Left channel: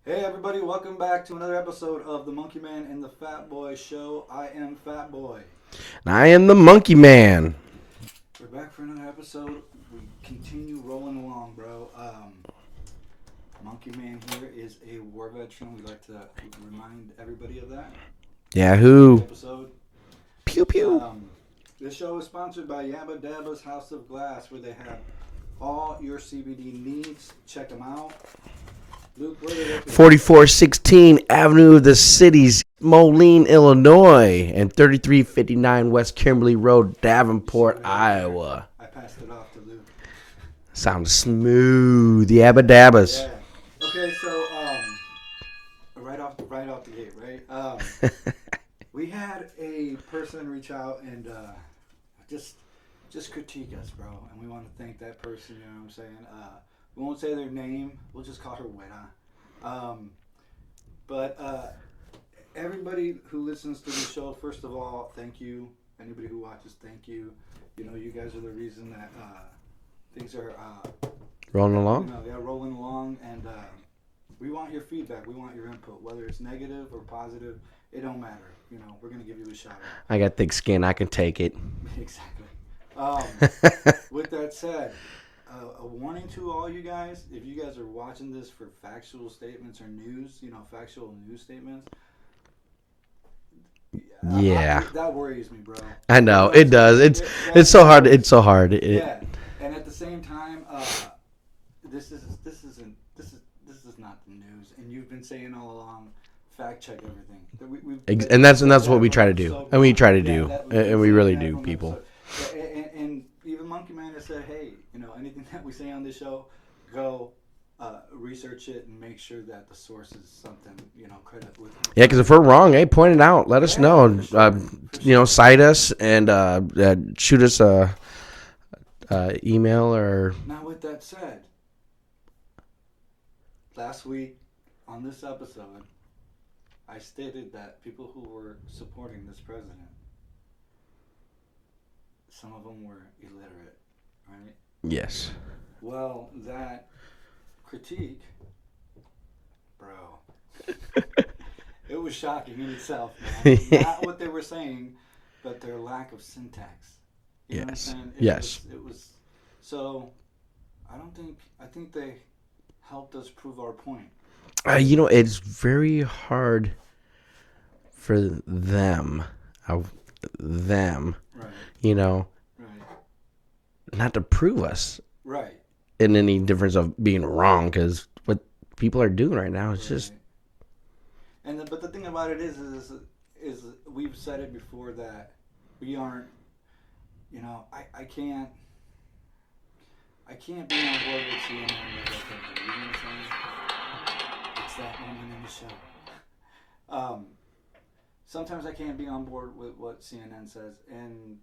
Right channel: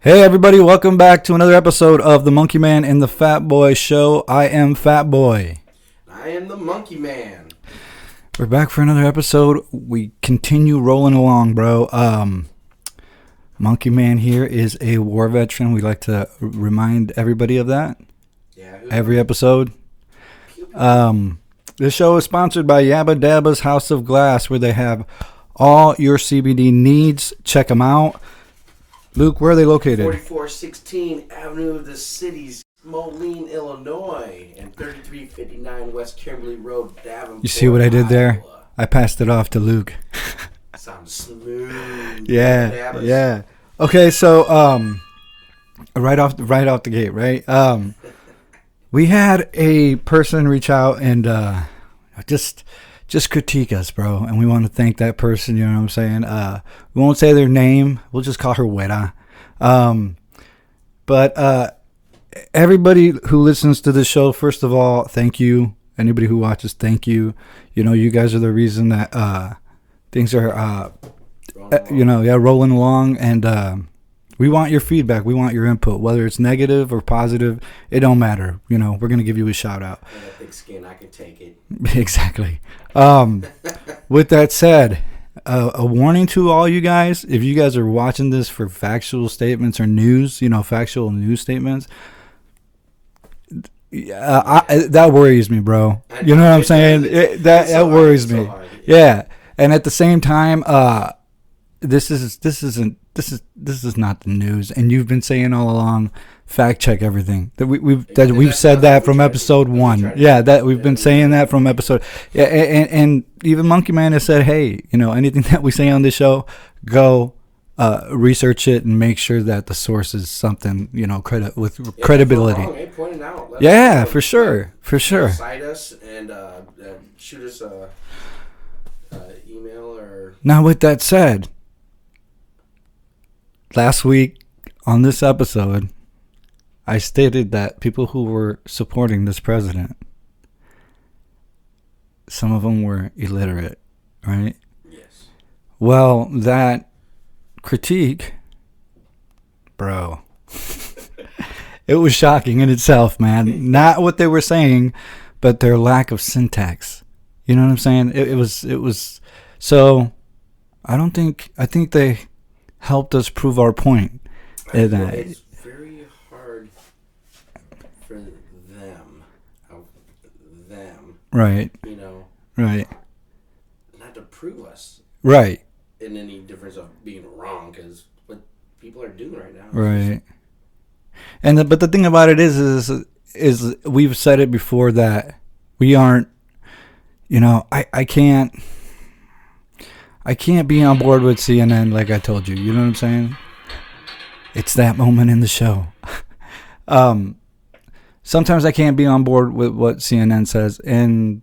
Hey everybody, welcome back to another episode of the Monkey Man and the Fatboy Show. I am Fatboy. And I am the Monkey Man. We're back for another episode. We continue rolling along, bro. Monkey Man here is a war veteran. We like to remind everybody of that. Yahoo. Every episode. Pew pew. This show is sponsored by Yabba Dabba's House of Glass, where they have all your CBD needs. Check them out. Luke, where are they located? 4416 Avenue of the Cities, Moline, Illinois, and 3359 West Kimberly Road, Davenport, You see what I did Iowa. there? I passed it off to Luke. Sounds smooth. Yeah, Yabba dabbas. Yeah. Okay, so right off the gate, right? We had a person reach out and just critique us, bro, and we want to thank that person. You know what I'm saying? We won't say their name. We'll just call her Weta. But everybody who listens to this show, first of all, thank you. Anybody who watches, thank you. You know, you guys are the reason that things are rolling along. Rolling along, and we want your feedback. We want your input, whether it's negative or positive. It don't matter. You know, we're gonna give you a shout out. I got thick skin. I can take it. Exactly. With that said, a warning to all you guys: if you guys are watching this for factual statements or news, factual news statements, that worries me, bro. I know, you know what it I'm saying? does. It's so hard. It's so me. hard. Yeah, and at the same time, this is not the news, and you've been saying all along. Fact check everything. We've said that from episode 1. We've been saying that from episode. Yeah, and even Monkey Man has said, hey, anything that we say on this show, go research it and make sure that the source is something credibility. If we're wrong, hey, point it out. Let us know. Yeah, for sure, for sure. Cite us and shoot us a email or. Now, with that said, last week on this episode, I stated that people who were supporting this president, some of them were illiterate, right? Yes. Well, that critique, bro, it was shocking in itself, man. Not what they were saying, but their lack of syntax. You know what I'm saying? It was. So, I think they helped us prove our point. It's very hard for them, right? Right, not to prove us, right, in any difference of being wrong, because what people are doing right now is right. But the thing about it is we've said it before that we aren't. I can't be on board with CNN like I told you. You know what I'm saying? It's that moment in the show. Sometimes I can't be on board with what CNN says, and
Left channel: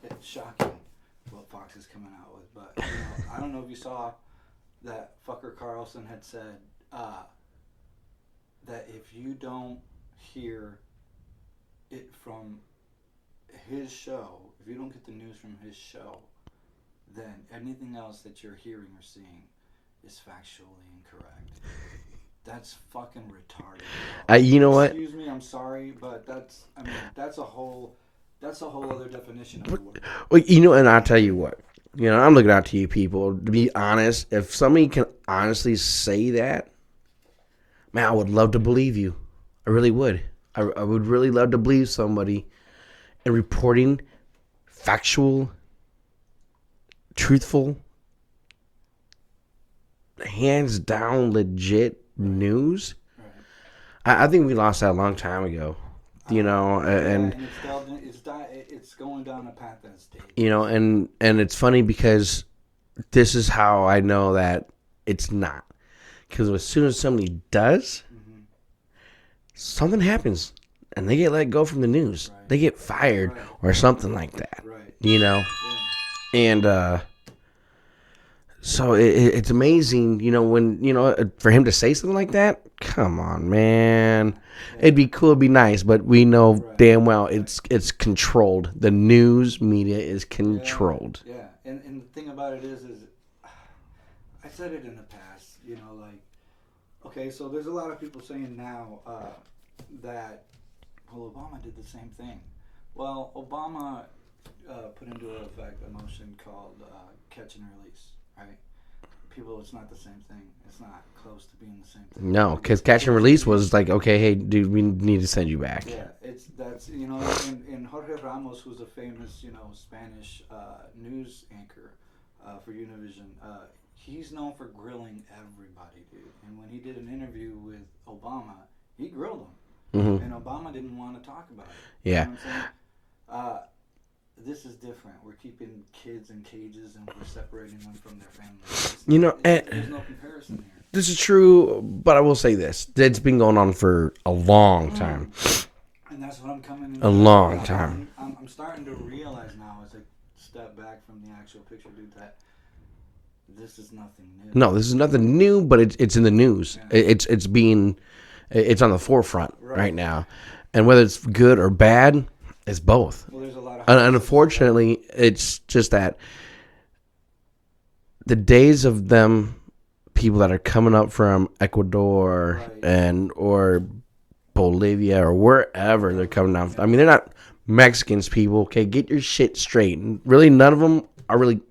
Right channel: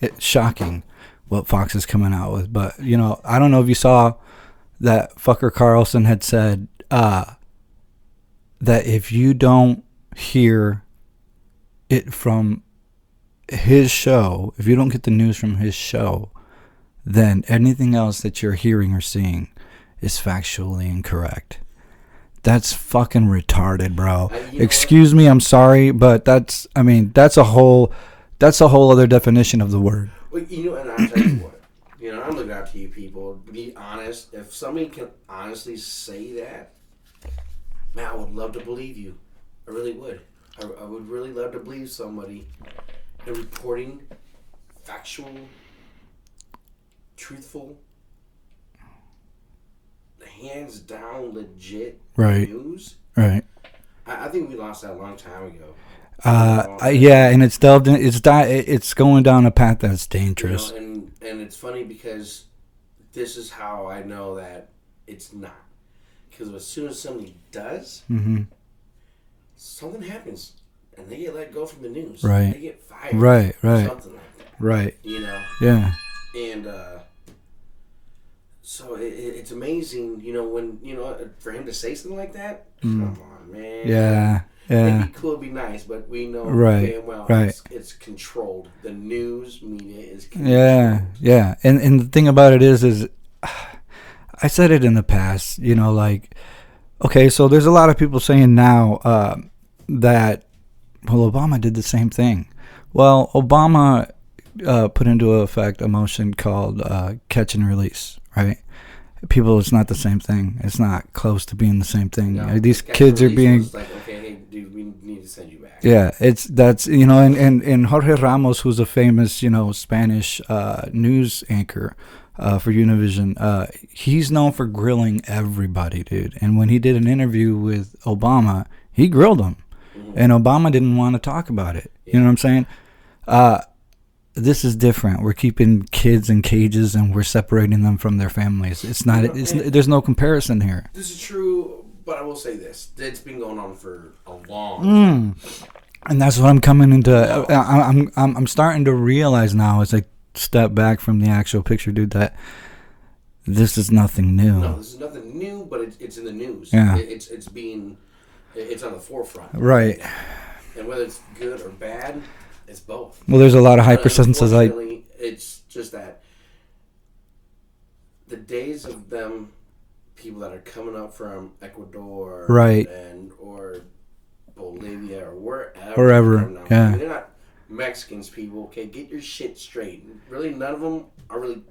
it's shocking what Fox is coming out with. But, I don't know if you saw that fucker Carlson had said that if you don't hear it from his show, if you don't get the news from his show, then anything else that you're hearing or seeing is factually incorrect. That's fucking retarded, bro. Excuse me, I'm sorry, but that's a whole other definition of the word. Well, and I'll tell you what, I'm looking out to you people. To be honest, if somebody can honestly say that, man, I would love to believe you. I really would. I would really love to believe somebody in reporting factual, truthful, hands down legit news. Right. I think we lost that a long time ago. And it's delved in, it's going down a path that's dangerous. And it's funny because this is how I know that it's not. Because as soon as somebody does, something happens and they get let go from the news. Right. They get fired or something like that. Right. Yeah. And so it's amazing, when, for him to say something like that, come on, man. Yeah. It'd be cool, it'd be nice, but we know damn well it's controlled. The news media is controlled. Yeah. And the thing about it is I said it in the past, Okay, so there's a lot of people saying now that, well, Obama did the same thing. Well, Obama put into effect a motion called catch and release, right? People, it's not the same thing. It's not close to being the same thing. No, because catch and release was like, okay, hey, dude, we need to send you back. Yeah, that's and Jorge Ramos, who's a famous Spanish news anchor for Univision, he's known for grilling everybody, dude. And when he did an interview with Obama, he grilled him, and Obama didn't want to talk about it. Yeah. You know what I'm saying? This is different. We're keeping kids in cages and we're separating them from their families. It's not. There's no comparison here. This is true, but I will say this: it's been going on for a long time, and that's what I'm coming into. I'm starting to realize now as I step back from the actual picture, dude, that this is nothing new. No, this is nothing new, but it's in the news. Yeah. It's on the forefront right now, and whether it's good or bad. It's both. Well, there's a lot of hypersensitivities. Unfortunately, it's just that the days of them people that are coming up from Ecuador, right, or Bolivia or wherever they're coming down from. I mean, they're not Mexicans, people. Okay, get your shit straight. And really, none of them are really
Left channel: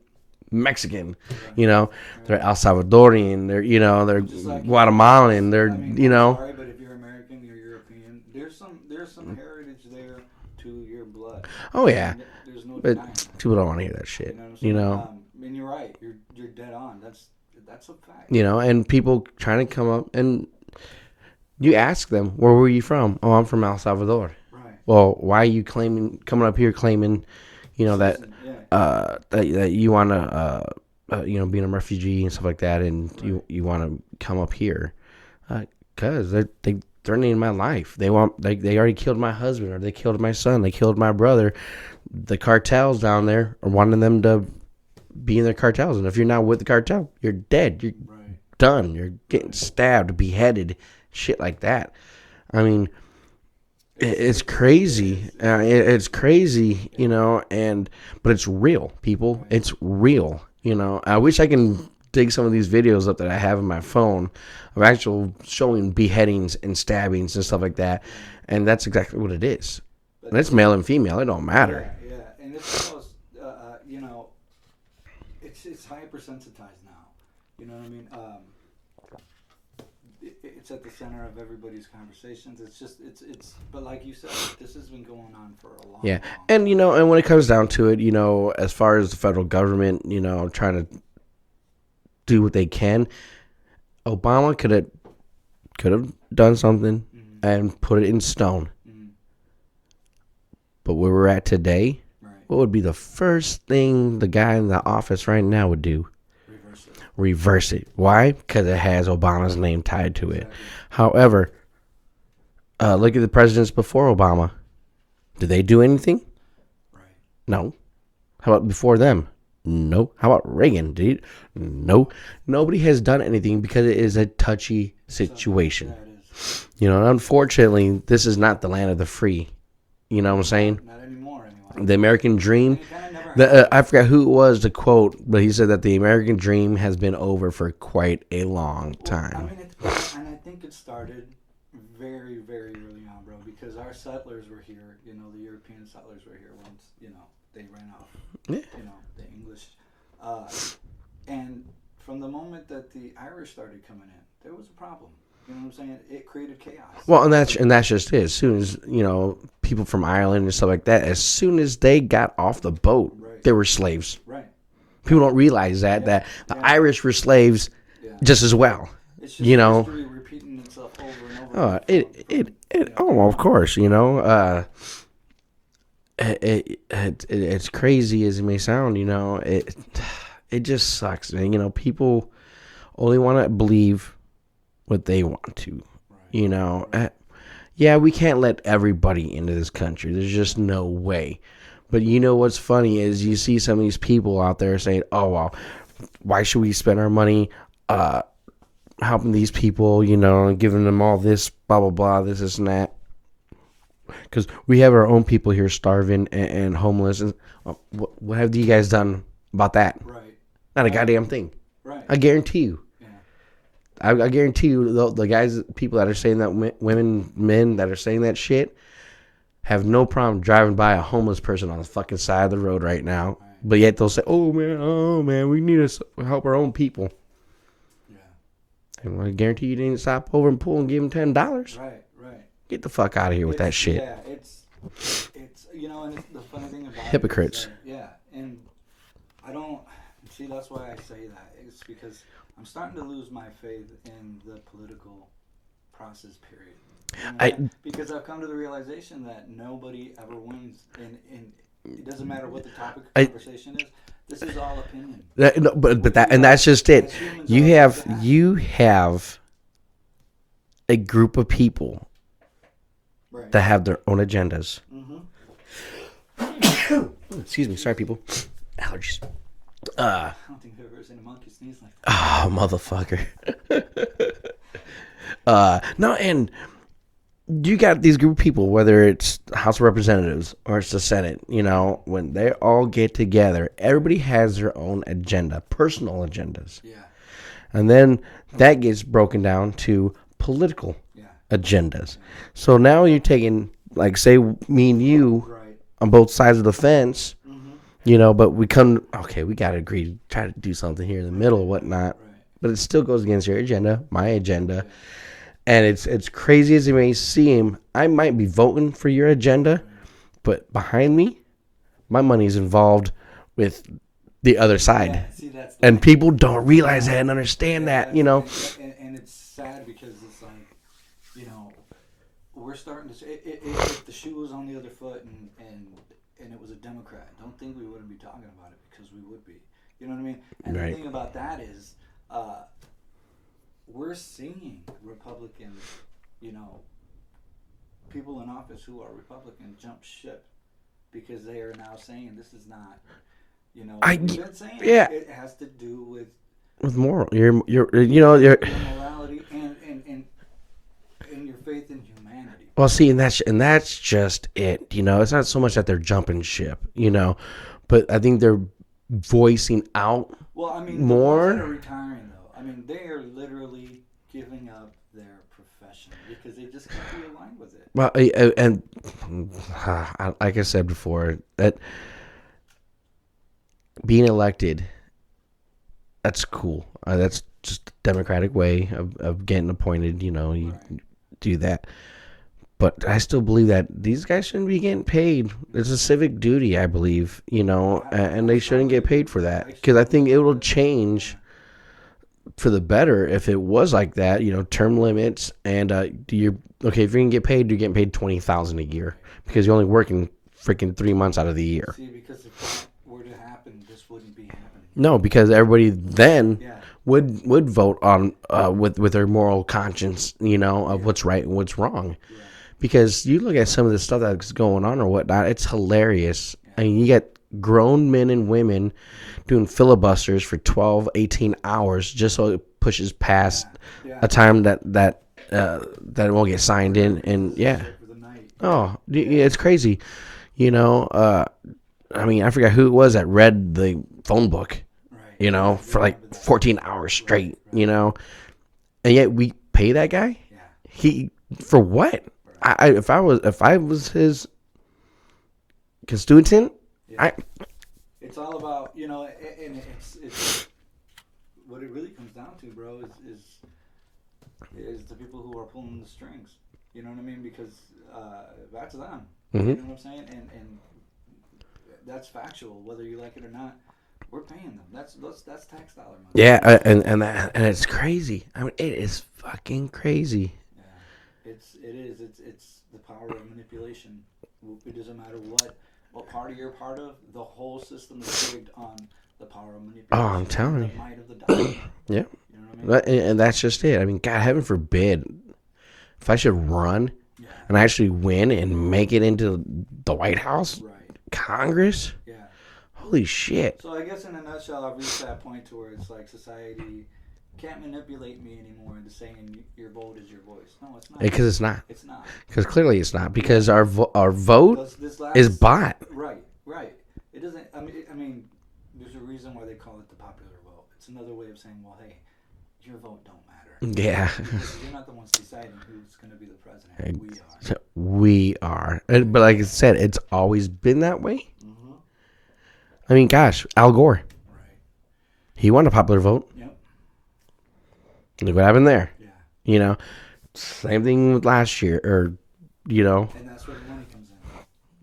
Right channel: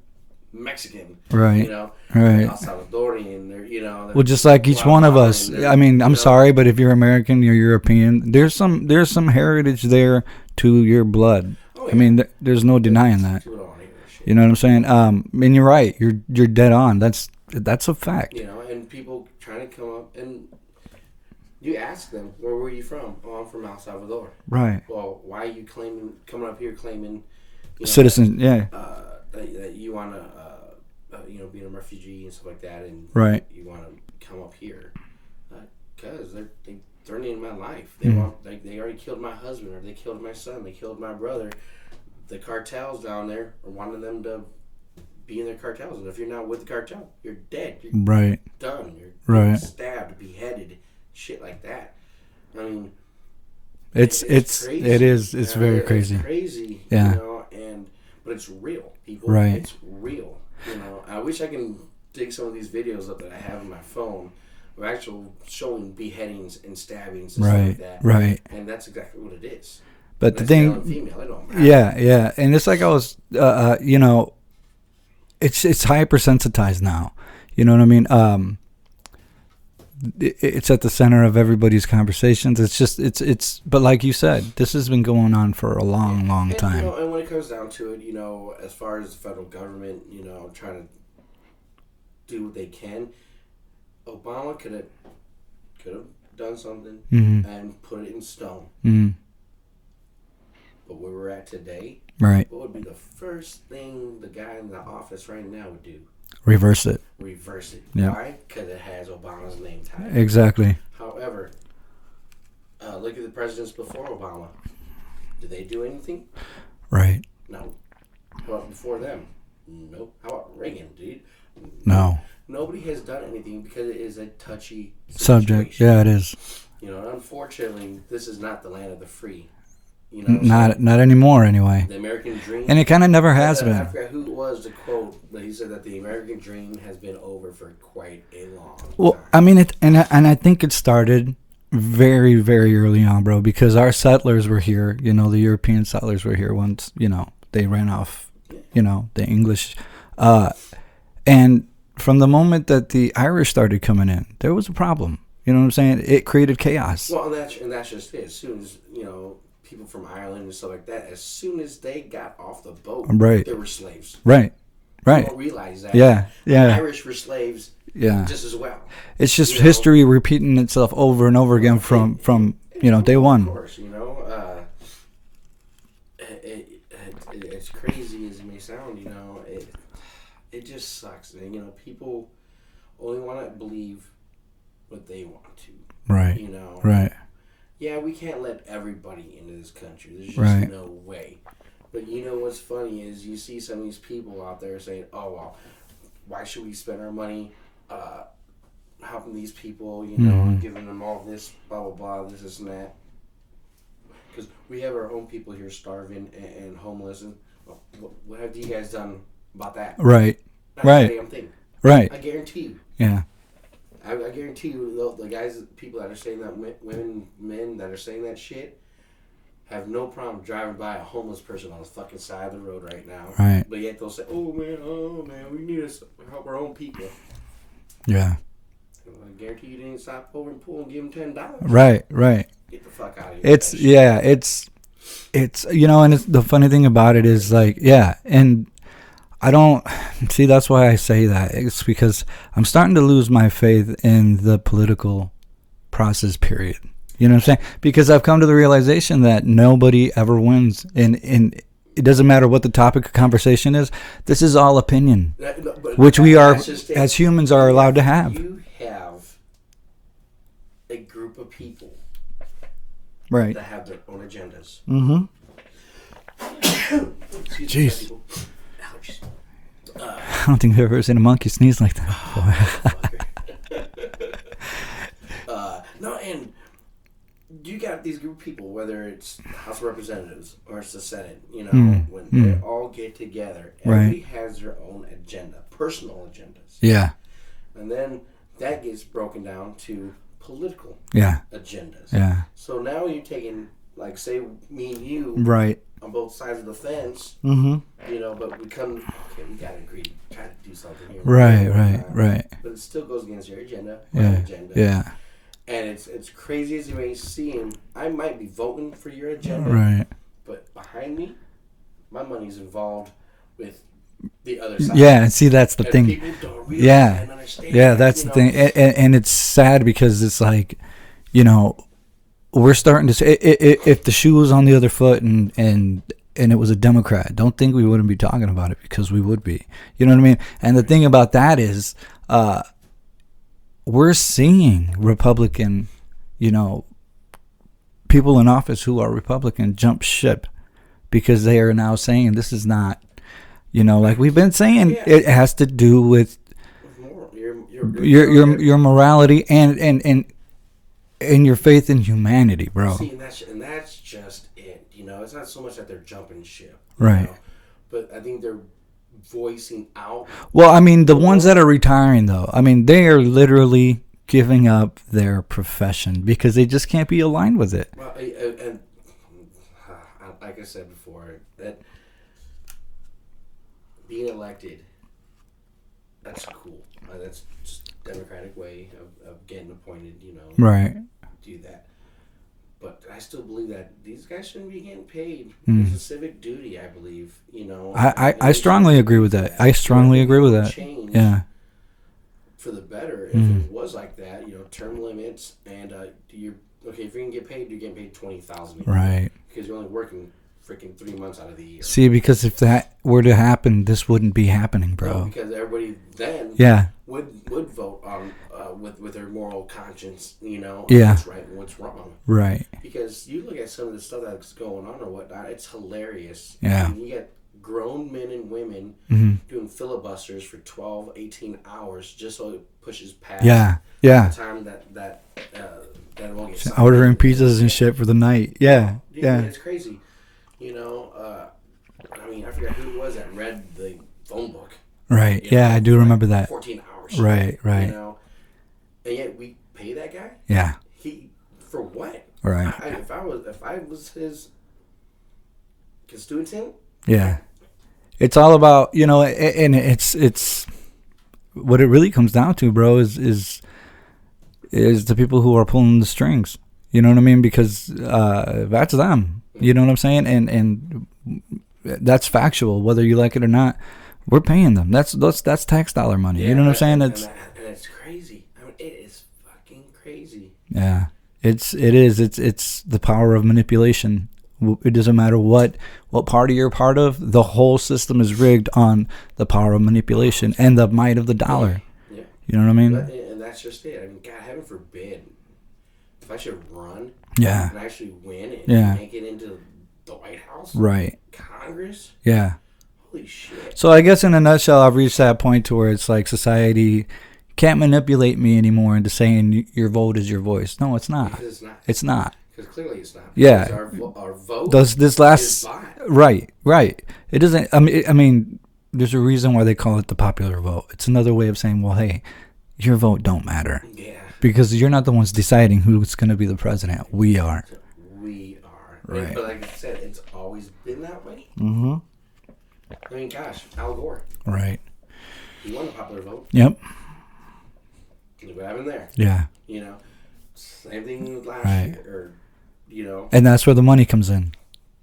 Mexican, right? They're El Salvadorian. They're well, just like each one of us. I mean, I'm sorry, but if you're American, you're European. There's some heritage there to your blood. Oh yeah, I mean, there's no denying that. People don't want to hear that shit. You know what I'm saying? And you're right. You're dead on. That's a fact. And people trying to come up and you ask them, where were you from? Oh, I'm from El Salvador. Right. Well, why are you coming up here claiming? Citizens, that you want to, being a refugee and stuff like that, and right. you want to come up here, because they're threatening my life. They want, they already killed my husband, or they killed my son, they killed my brother. The cartels down there are wanting them to be in their cartels, and if you're not with the cartel, you're dead. You're right. done. You're getting stabbed, beheaded, shit like that. I mean. It's crazy. It is. It's crazy, but it's real, people. Right. It's real. I wish I can dig some of these videos up that I have on my phone of actual showing beheadings and stabbings and stuff like that. Right. And that's exactly what it is. But it's male and female. It don't matter. Yeah. And it's like I was, it's hypersensitized now. You know what I mean? It's at the center of everybody's conversations. It's just but like you said, this has been going on for a long time. And when it comes down to it, as far as the federal government, trying to do what they can, Obama could have done something and put it in stone. But where we're at today, right? What would be the first thing the guy in the office right now would do? Reverse it. Yeah. Why? Because it has Obama's name tied to it. Exactly. However, look at the presidents before Obama. Did they do anything? Right. No. How about before them? No. How about Reagan? No. Nobody has done anything because it is a touchy situation. Subject. Yeah, it is. Unfortunately, this is not the land of the free. You know what I'm saying? Not anymore, anyway. The American dream. And it kind of never has been. I forgot who it was to quote, but he said that the American dream has been over for quite a long time. I mean, and I think it started very, very early on, bro, because our settlers were here. The European settlers were here once, they ran off, the English. And from the moment that the Irish started coming in, there was a problem. You know what I'm saying? It created chaos. Well, and that's just it. As soon as, people from Ireland and stuff like that, as soon as they got off the boat, right, they were slaves. Right. People don't realize that. Yeah. The Irish were slaves just as well. It's just history repeating itself over and over again from day one. Of course, it's crazy as it may sound, it just sucks, man. People only want to believe what they want to. Right. Right. Yeah, we can't let everybody into this country. There's just no way. But what's funny is you see some of these people out there saying, oh, well, why should we spend our money helping these people, and giving them all this, blah, blah, blah, this and that. Because we have our own people here starving and homeless. And what have you guys done about that? Right. Not a goddamn thing. Right. I guarantee you. Yeah. I guarantee you, the guys, people that are saying that, men that are saying that shit, have no problem driving by a homeless person on the fucking side of the road right now. Right. But yet they'll say, oh man, we need to help our own people. Yeah. And I guarantee you didn't stop over and pull and give them $10. Right. Get the fuck out of here with that shit. Yeah, it's and it's, the funny thing about Hypocrites. It is like, yeah, and I don't see, that's why I say that. It's because I'm starting to lose my faith in the political process, period. You know what I'm saying? Because I've come to the realization that nobody ever wins, and it doesn't matter what the topic of conversation is. This is all opinion, which we are, that's just it. As humans, are allowed to have. You have a group of people, right, that have their own agendas. Mm-hmm. Excuse me, sorry, people. Allergies. I don't think I've ever seen a monkey sneeze like that. Oh, motherfucker. No, and you got these group of people, whether it's House of Representatives or it's the Senate, when they all get together, everybody has their own agenda, personal agendas. Yeah. And then that gets broken down to political agendas. Yeah. So now you're taking, like, say, me and you on both sides of the fence, but we we got to agree, try to do something here in the middle and whatnot. Right. But it still goes against your agenda, my agenda. Yeah. And it's crazy as it may seem, I might be voting for your agenda, but behind me, my money's involved with the other side. Yeah, and see, that's the thing. And people don't realize that and understand that. Yeah, that's the thing. And it's sad because it's like, we're starting to say, if the shoe was on the other foot and it was a Democrat, don't think we wouldn't be talking about it, because we would be. You know what I mean? And the thing about that is, we're seeing Republican, people in office who are Republican jump ship because they are now saying this is not, like we've been saying, it has to do with moral, your morality and your faith in humanity, bro. Well, see, and that's just it. It's not so much that they're jumping ship, know, but I think they're voicing out. Well, I mean, the ones that are retiring, though, I mean, they are literally giving up their profession because they just can't be aligned with it. Well, and like I said before, that being elected, that's cool. That's just a democratic way of getting appointed, do that. But I still believe that these guys shouldn't be getting paid. It's a civic duty, I believe. I strongly agree with that. I strongly agree with that. Change for the better if it was like that. Term limits and if you're gonna get paid, you're getting paid $20,000 a year, because you're only working freaking 3 months out of the year. See, because if that were to happen, this wouldn't be happening, bro. No, because everybody then would vote on with their moral conscience, on what's right and what's wrong. Right. Because you look at some of the stuff that's going on or whatnot, it's hilarious. Yeah. And you get grown men and women doing filibusters for 12, 18 hours just so it pushes past a time that it won't get signed. Ordering pizzas and shit for the night. Yeah. It's crazy. I mean, I forgot who it was that read the phone book. Right. I do remember that. 14 hours straight. Right. And yet we pay that guy. Yeah. For what? Right. If I was his constituent. Yeah. It's all about, and it's what it really comes down to, bro, is the people who are pulling the strings. You know what I mean? Because that's them. You know what I'm saying? And that's factual, whether you like it or not. We're paying them. That's tax dollar money. Yeah, you know what I'm saying? And it's crazy. I mean, it is fucking crazy. Yeah, it is. It's the power of manipulation. It doesn't matter what party you're part of. The whole system is rigged on the power of manipulation and the might of the dollar. Yeah, you know what I mean? And that's just it. I mean, God, heaven forbid, if I should run, and actually win and make it into the White House, Congress, holy shit. So I guess in a nutshell, I've reached that point to where it's like society can't manipulate me anymore into saying your vote is your voice. No, it's not. Because it's not. It's not. Because clearly it's not. Because our vote is bought. Right. It doesn't. I mean, there's a reason why they call it the popular vote. It's another way of saying, well, hey, your vote don't matter. Yeah. Because you're not the ones deciding who's going to be the president. We are. We are. Right. But like I said, it's always been that way. Mm-hmm. I mean, gosh, Al Gore. Right. He won a popular vote. Yep. Look what happened there. Yeah. You know, same thing with last year, or, you know. And that's where the money comes in.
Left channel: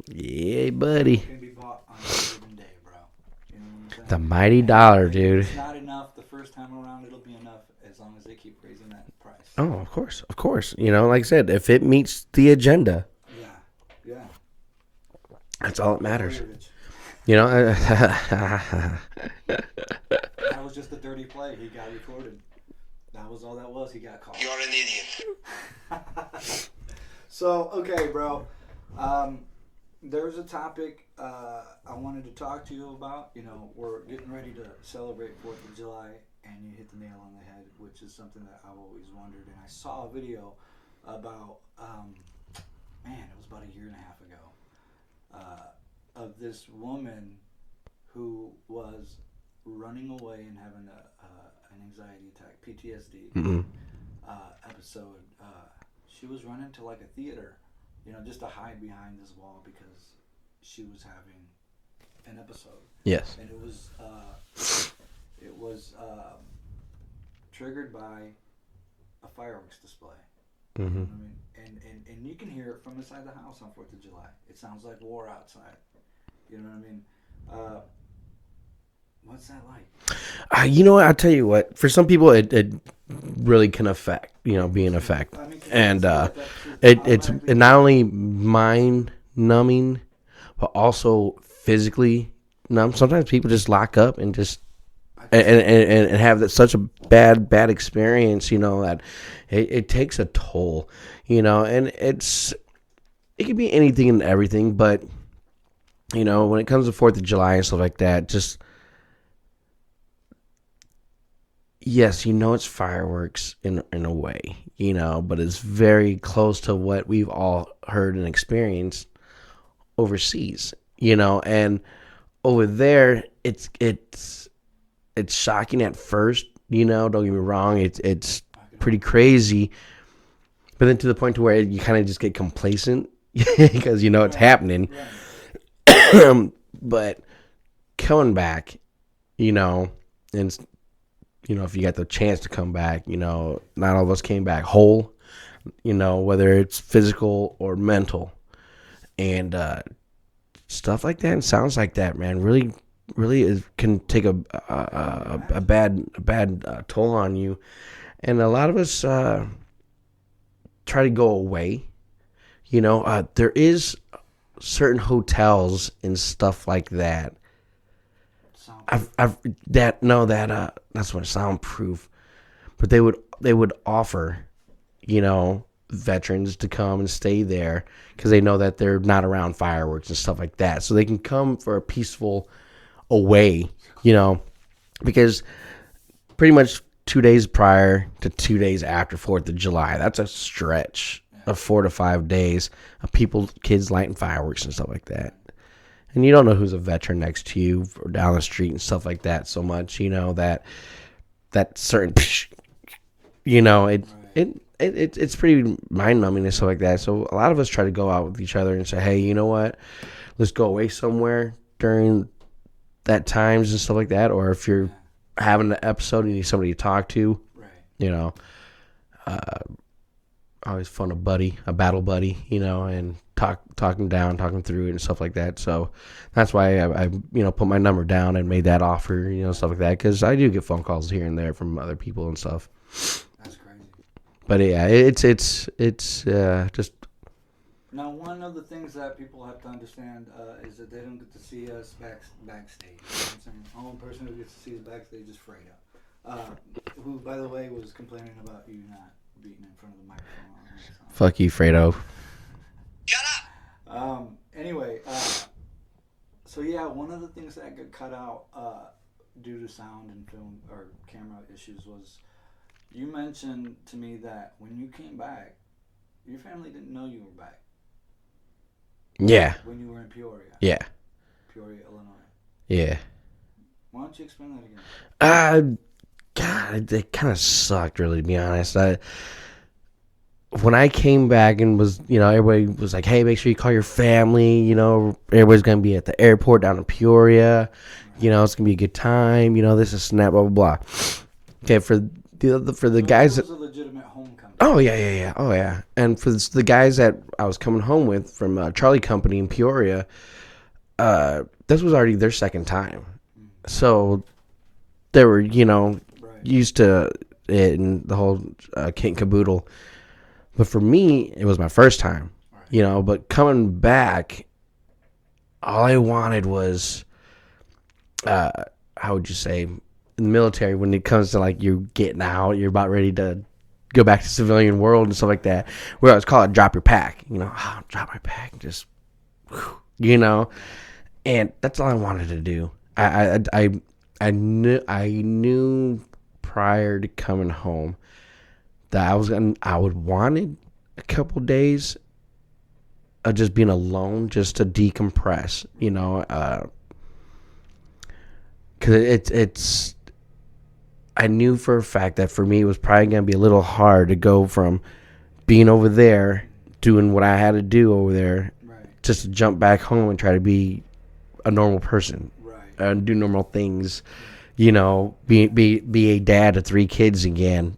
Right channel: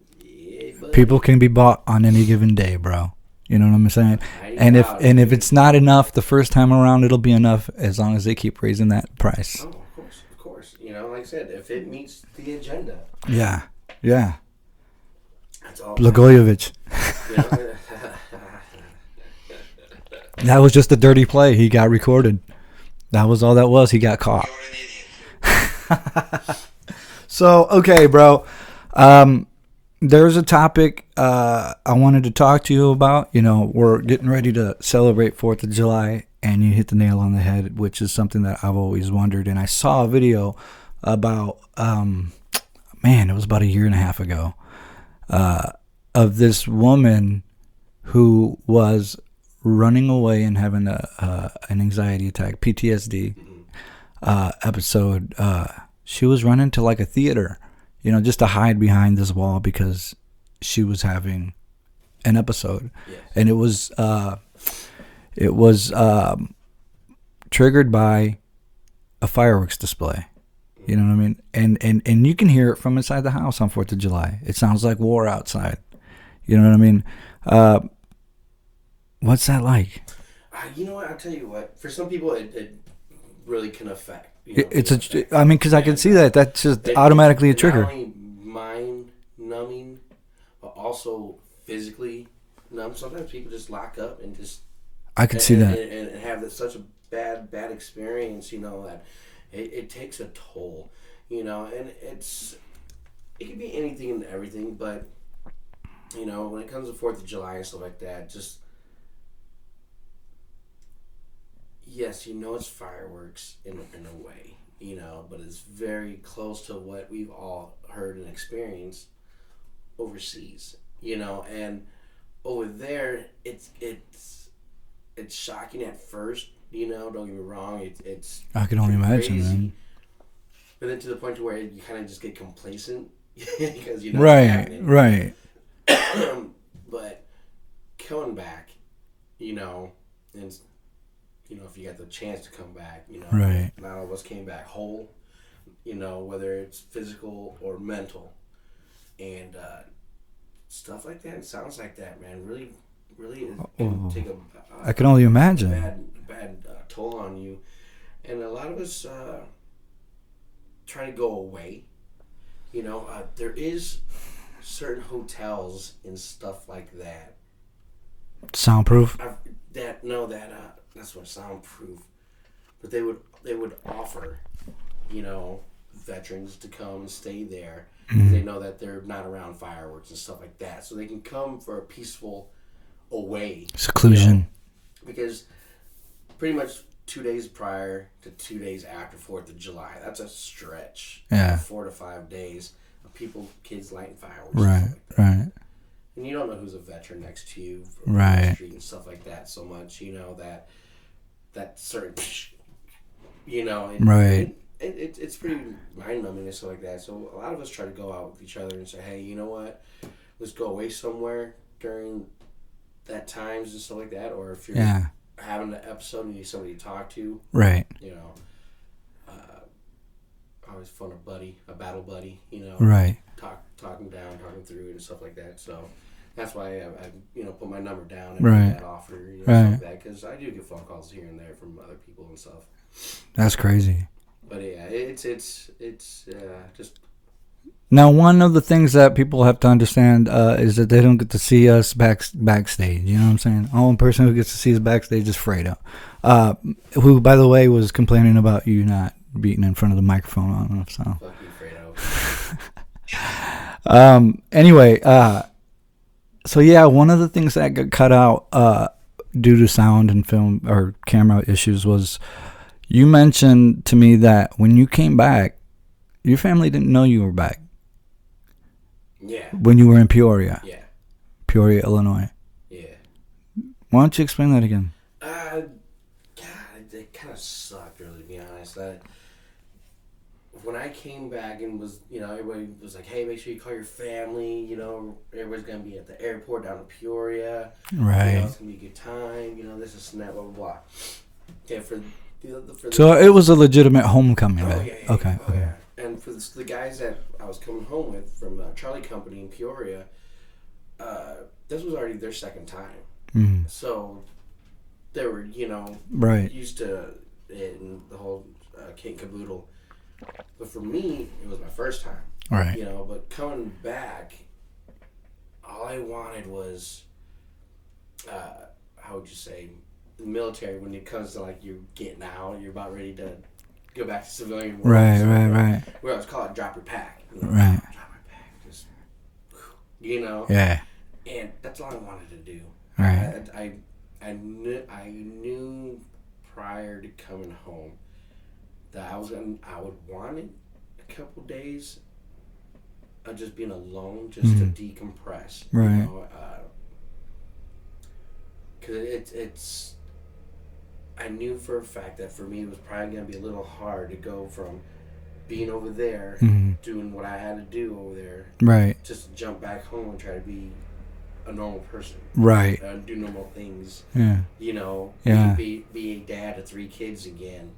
Yeah, buddy. People can be bought on any given day, bro. You know what I'm saying? The mighty dollar, and dude. if it's not enough the first time around, it'll be enough as long as they keep raising that price. Oh, of course. Of course. You know, like I said, if it meets the agenda. Yeah. Yeah. That's all. Blagojevich. You know. That was just a dirty play. He got recorded. That was all that was. He got caught. You're an idiot. So, okay, bro. There's a topic I wanted to talk to you about. You know, we're getting ready to celebrate 4th of July, and you hit the nail on the head, which is something that I've always wondered. And I saw a video about, it was about a year and a half ago, of this woman who was running away and having an anxiety attack, PTSD episode. She was running to like a theater, you know, just to hide behind this wall because she was having an episode. Yes. And it was triggered by a fireworks display. You know what I mean? And you can hear it from inside the house on 4th of July. It sounds like war outside. You know what I mean? What's that like? You know what? I'll tell you what. For some people, it really can affect. You know, it's an effect. I mean, because I can see that. That's just automatically it's a trigger. not only mind numbing, but also physically numb. Sometimes people just lock up and just I can see that. And have such a bad experience. You know that it takes a toll. You know, and it can be anything and everything, but you know, when it comes to 4th of July and stuff like that, just. Yes, you know it's fireworks in a way, you know, but it's very close to what we've all heard and experienced overseas, you know, and over there it's shocking at first, you know, don't get me wrong, it's pretty crazy, but then to the point to where you kind of just get complacent because you know it's happening, right? But coming back, you know, and you know, if you got the chance to come back, you know, not all of us came back whole, you know, whether it's physical or mental, and stuff like that and sounds like that, man, really can take I can only imagine a bad toll on you, and a lot of us try to go away. You know, there is certain hotels and stuff like that. Soundproof. That's what soundproof. But they would offer, you know, veterans to come and stay there because they know that they're not around fireworks and stuff like that, so they can come for a peaceful away, seclusion. You know, because pretty much 2 days prior to 2 days after 4th of July, that's a stretch of 4 to 5 days of kids lighting fireworks and stuff like that. Right. And you don't know who's a veteran next to you or down the street and stuff like that so much, you know, that certain, you know, it's pretty mind-numbing and stuff like that. So a lot of us try to go out with each other and say, hey, you know what, let's go away somewhere during that times and stuff like that. Or if you're having an episode and you need somebody to talk to, right? You know, always fun a battle buddy, you know, right? Talking through it and stuff like that. So that's why I you know, put my number down and made that offer, you know, stuff like that, because I do get phone calls here and there from other people and stuff. That's crazy. But yeah, it's just. Now, one of the things that people have to understand is that they don't get to see us backstage. You know what I'm saying? Only person who gets to see us backstage is Fredo, who, by the way, was complaining about you not beating in front of the microphone on him. So. Fuck you, Fredo. Anyway, so yeah, one of the things that got cut out due to sound and film or camera issues was you mentioned to me that when you came back, your family didn't know you were back. Yeah. When you were in Peoria. Yeah. Peoria, Illinois. Yeah. Why don't you explain that again? God, it kind of sucked, really, to be honest. When I came back and was, everybody was like, hey, make sure you call your family. Everybody's going to be at the airport down in Peoria. Right. It's going to be a good time. This is snap, blah, blah, blah. Okay, for the so guys. It was a legitimate homecoming. Oh, right? yeah. Okay. Oh, yeah. And for the guys that I was coming home with from Charlie Company in Peoria, this was already their second time. Mm. So they were, right. used to it and the whole kit and caboodle. But for me, it was my first time. Right. But coming back, all I wanted was, how would you say, in the military, when it comes to like you getting out, you're about ready to go back to civilian world and stuff like that. Right. Where I was called drop your pack. Drop my pack, just, Yeah. And that's all I wanted to do. Mm-hmm. I knew prior to coming home that I would wanted a couple days of just being alone, just to decompress, right. because it's. I knew for a fact that for me it was probably gonna be a little hard to go from being over there, doing what I had to do over there, right, just to jump back home and try to be a normal person, right, and do normal things, yeah. be a dad of 3 kids again,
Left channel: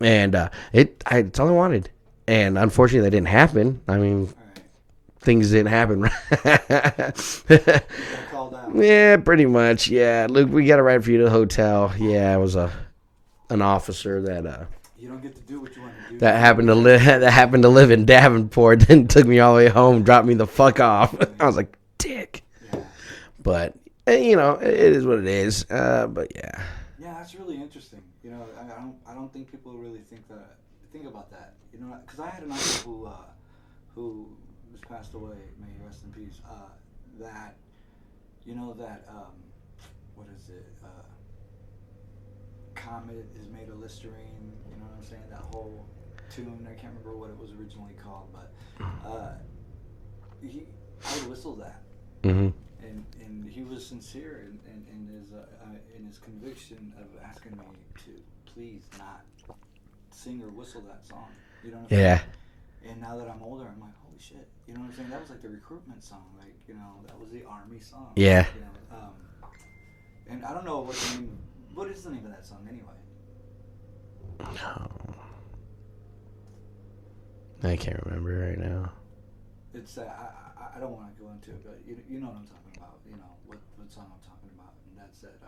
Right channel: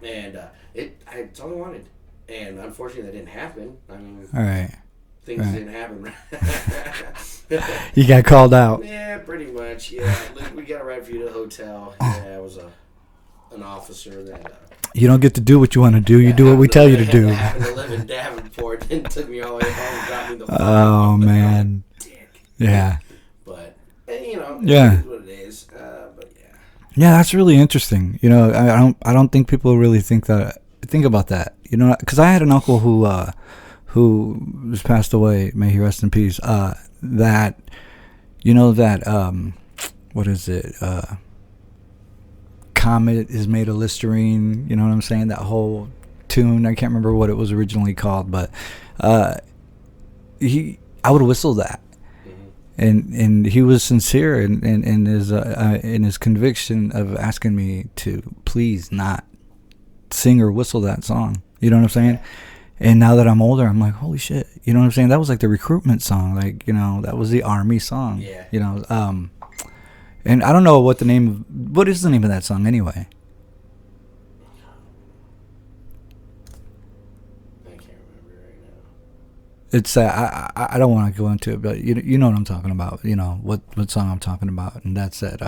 and it's all I wanted, and unfortunately that didn't happen. I mean, all right, things didn't happen. You got called out. Yeah, pretty much. Yeah, Luke, we got to ride for you to the hotel. Yeah, it was an officer that you don't get to do what you want to do. You do what we tell you to do. That happened to live in Davenport, then took me all the way home, dropped me the fuck off. Man. I was like, dick. Yeah. But it is what it is. But yeah. Yeah, that's really interesting. I don't think people really think about that. Because I had an uncle who was passed away. May he rest in peace. That what is it? Comet is made of Listerine. You know what I'm saying? That whole tune. I can't remember what it was originally called, but I would whistle that. Mm-hmm. And he was sincere in his conviction of asking me to please not sing or whistle that song. You know what I'm saying? Yeah. And now that I'm older, I'm like, holy shit. You know what I'm saying? That was like the recruitment song. Like, that was the army song. Yeah. And I don't know what is the name of that song anyway? I can't remember right now. It's I don't want to go into it, but you know what I'm talking about. What song I'm talking about, and that's it.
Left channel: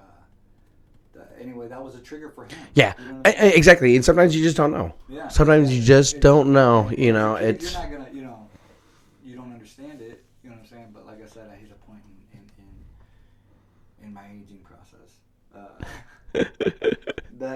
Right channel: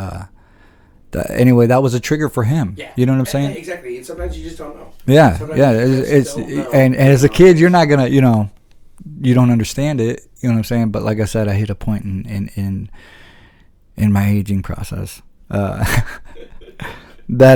Anyway, that was a trigger for him. Yeah, you know what I'm saying? Exactly. And sometimes you just don't know. Yeah, sometimes you just don't know. And as a kid, you're not gonna, you don't understand it. You know what I'm saying? But like I said, I hit a point in my aging process that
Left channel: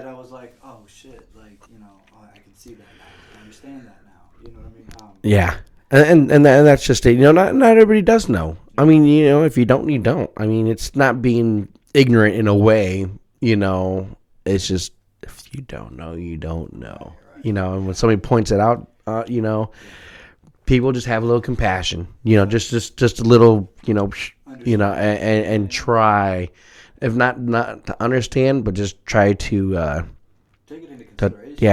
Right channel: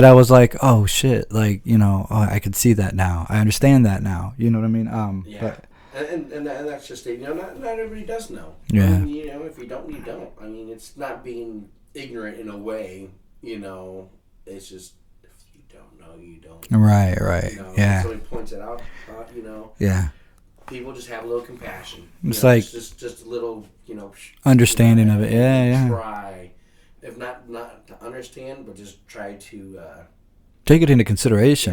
I was like, oh shit, like I could see that now. I understand that now. You know what I mean? Yeah. And that's just it. Not everybody does know. Yeah. I mean, if you don't, you don't. I mean, it's not being ignorant in a way. It's just if you don't know, you don't know. Right. When somebody points it out, yeah. People just have a little compassion. Just a little, understand and try, if not to understand, but just try to take it into consideration.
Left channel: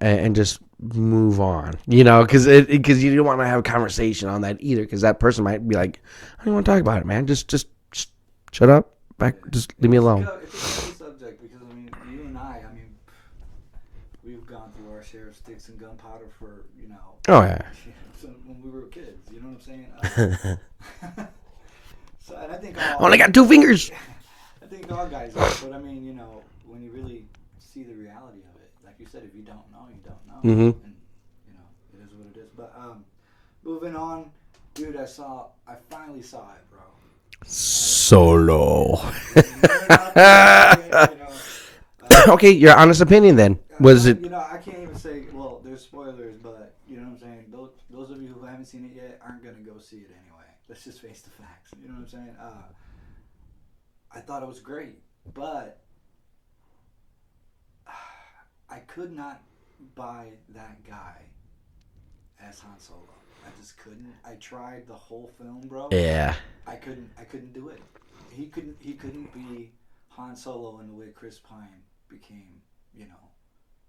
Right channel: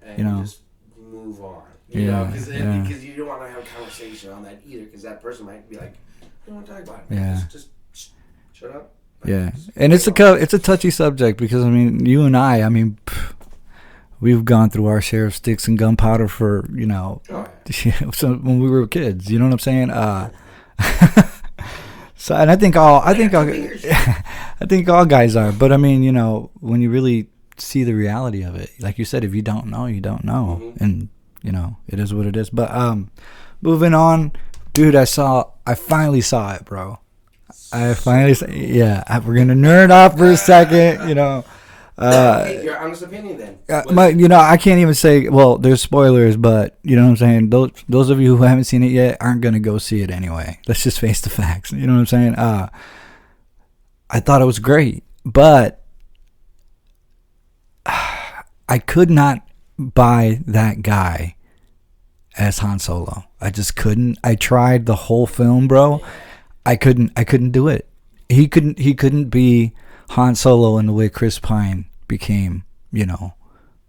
And just move on, because you don't want to have a conversation on that either, because that person might be like, I don't want to talk about it, man. Just shut up. And it's a touchy subject, because I mean, you and I mean, we've gone through our share of sticks and gunpowder for so when we were kids, you know what I'm saying? So, and I think I got 2 fingers. I think all guys are, but I mean, when you really see the reality of it, like you said, if you don't know, you don't know. Mm-hmm. And it is what it is. But moving on, dude, I finally saw it, bro. Solo. We're gonna nerd off for a second. Okay, your honest opinion then. I can't even say. Well, there's spoilers, but you know what I'm saying. Those of you who haven't seen it yet aren't gonna go see it anyway. Let's just face the facts. You know what I'm saying? I thought it was great, but I could not buy that guy as Han Solo. I just couldn't. I tried the whole film, bro. Yeah. I couldn't do it. He couldn't be Han Solo and the way Chris Pine became,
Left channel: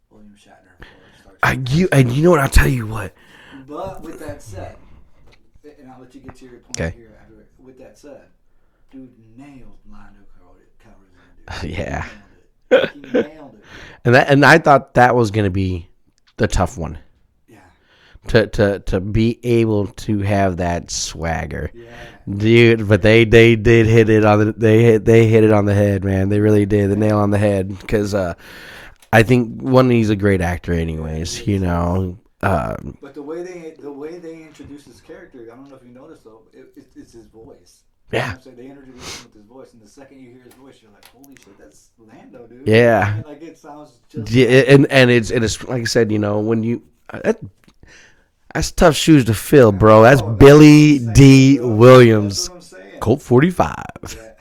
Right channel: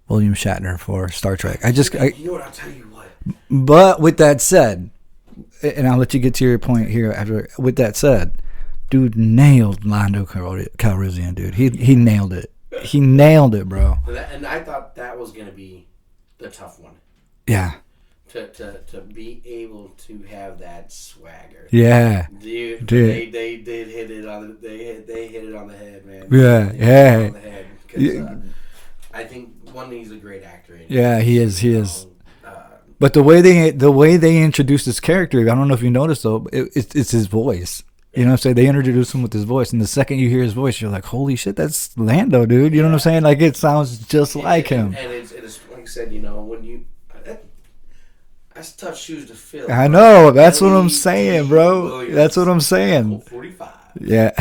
William Shatner for Star Trek. You know what? I'll tell you what. But with that said, and I'll let you get to your point here after. With that said, dude nailed Lando Calrissian, dude. He nailed it. He nailed it, bro. And I thought that was going to be the tough one. Yeah. To be able to have that swagger. Yeah. Dude, but they did hit it on they hit it on the head, man. They really did hit it on the head because I think he's a great actor anyways. Yeah, he is. He is. But the way they introduced this character, I don't know if you noticed though, it's his voice. You know what I'm saying? They introduced him with his voice, and the second you hear his voice, you're like, "Holy shit, that's Lando, dude!" You know what I'm saying? Like it sounds just like him. And it's like I said, when you that's tough shoes to fill, bro. I know, that's Billy what I'm saying, D. bro. Williams. That's what I'm saying. Colt 45. Yeah.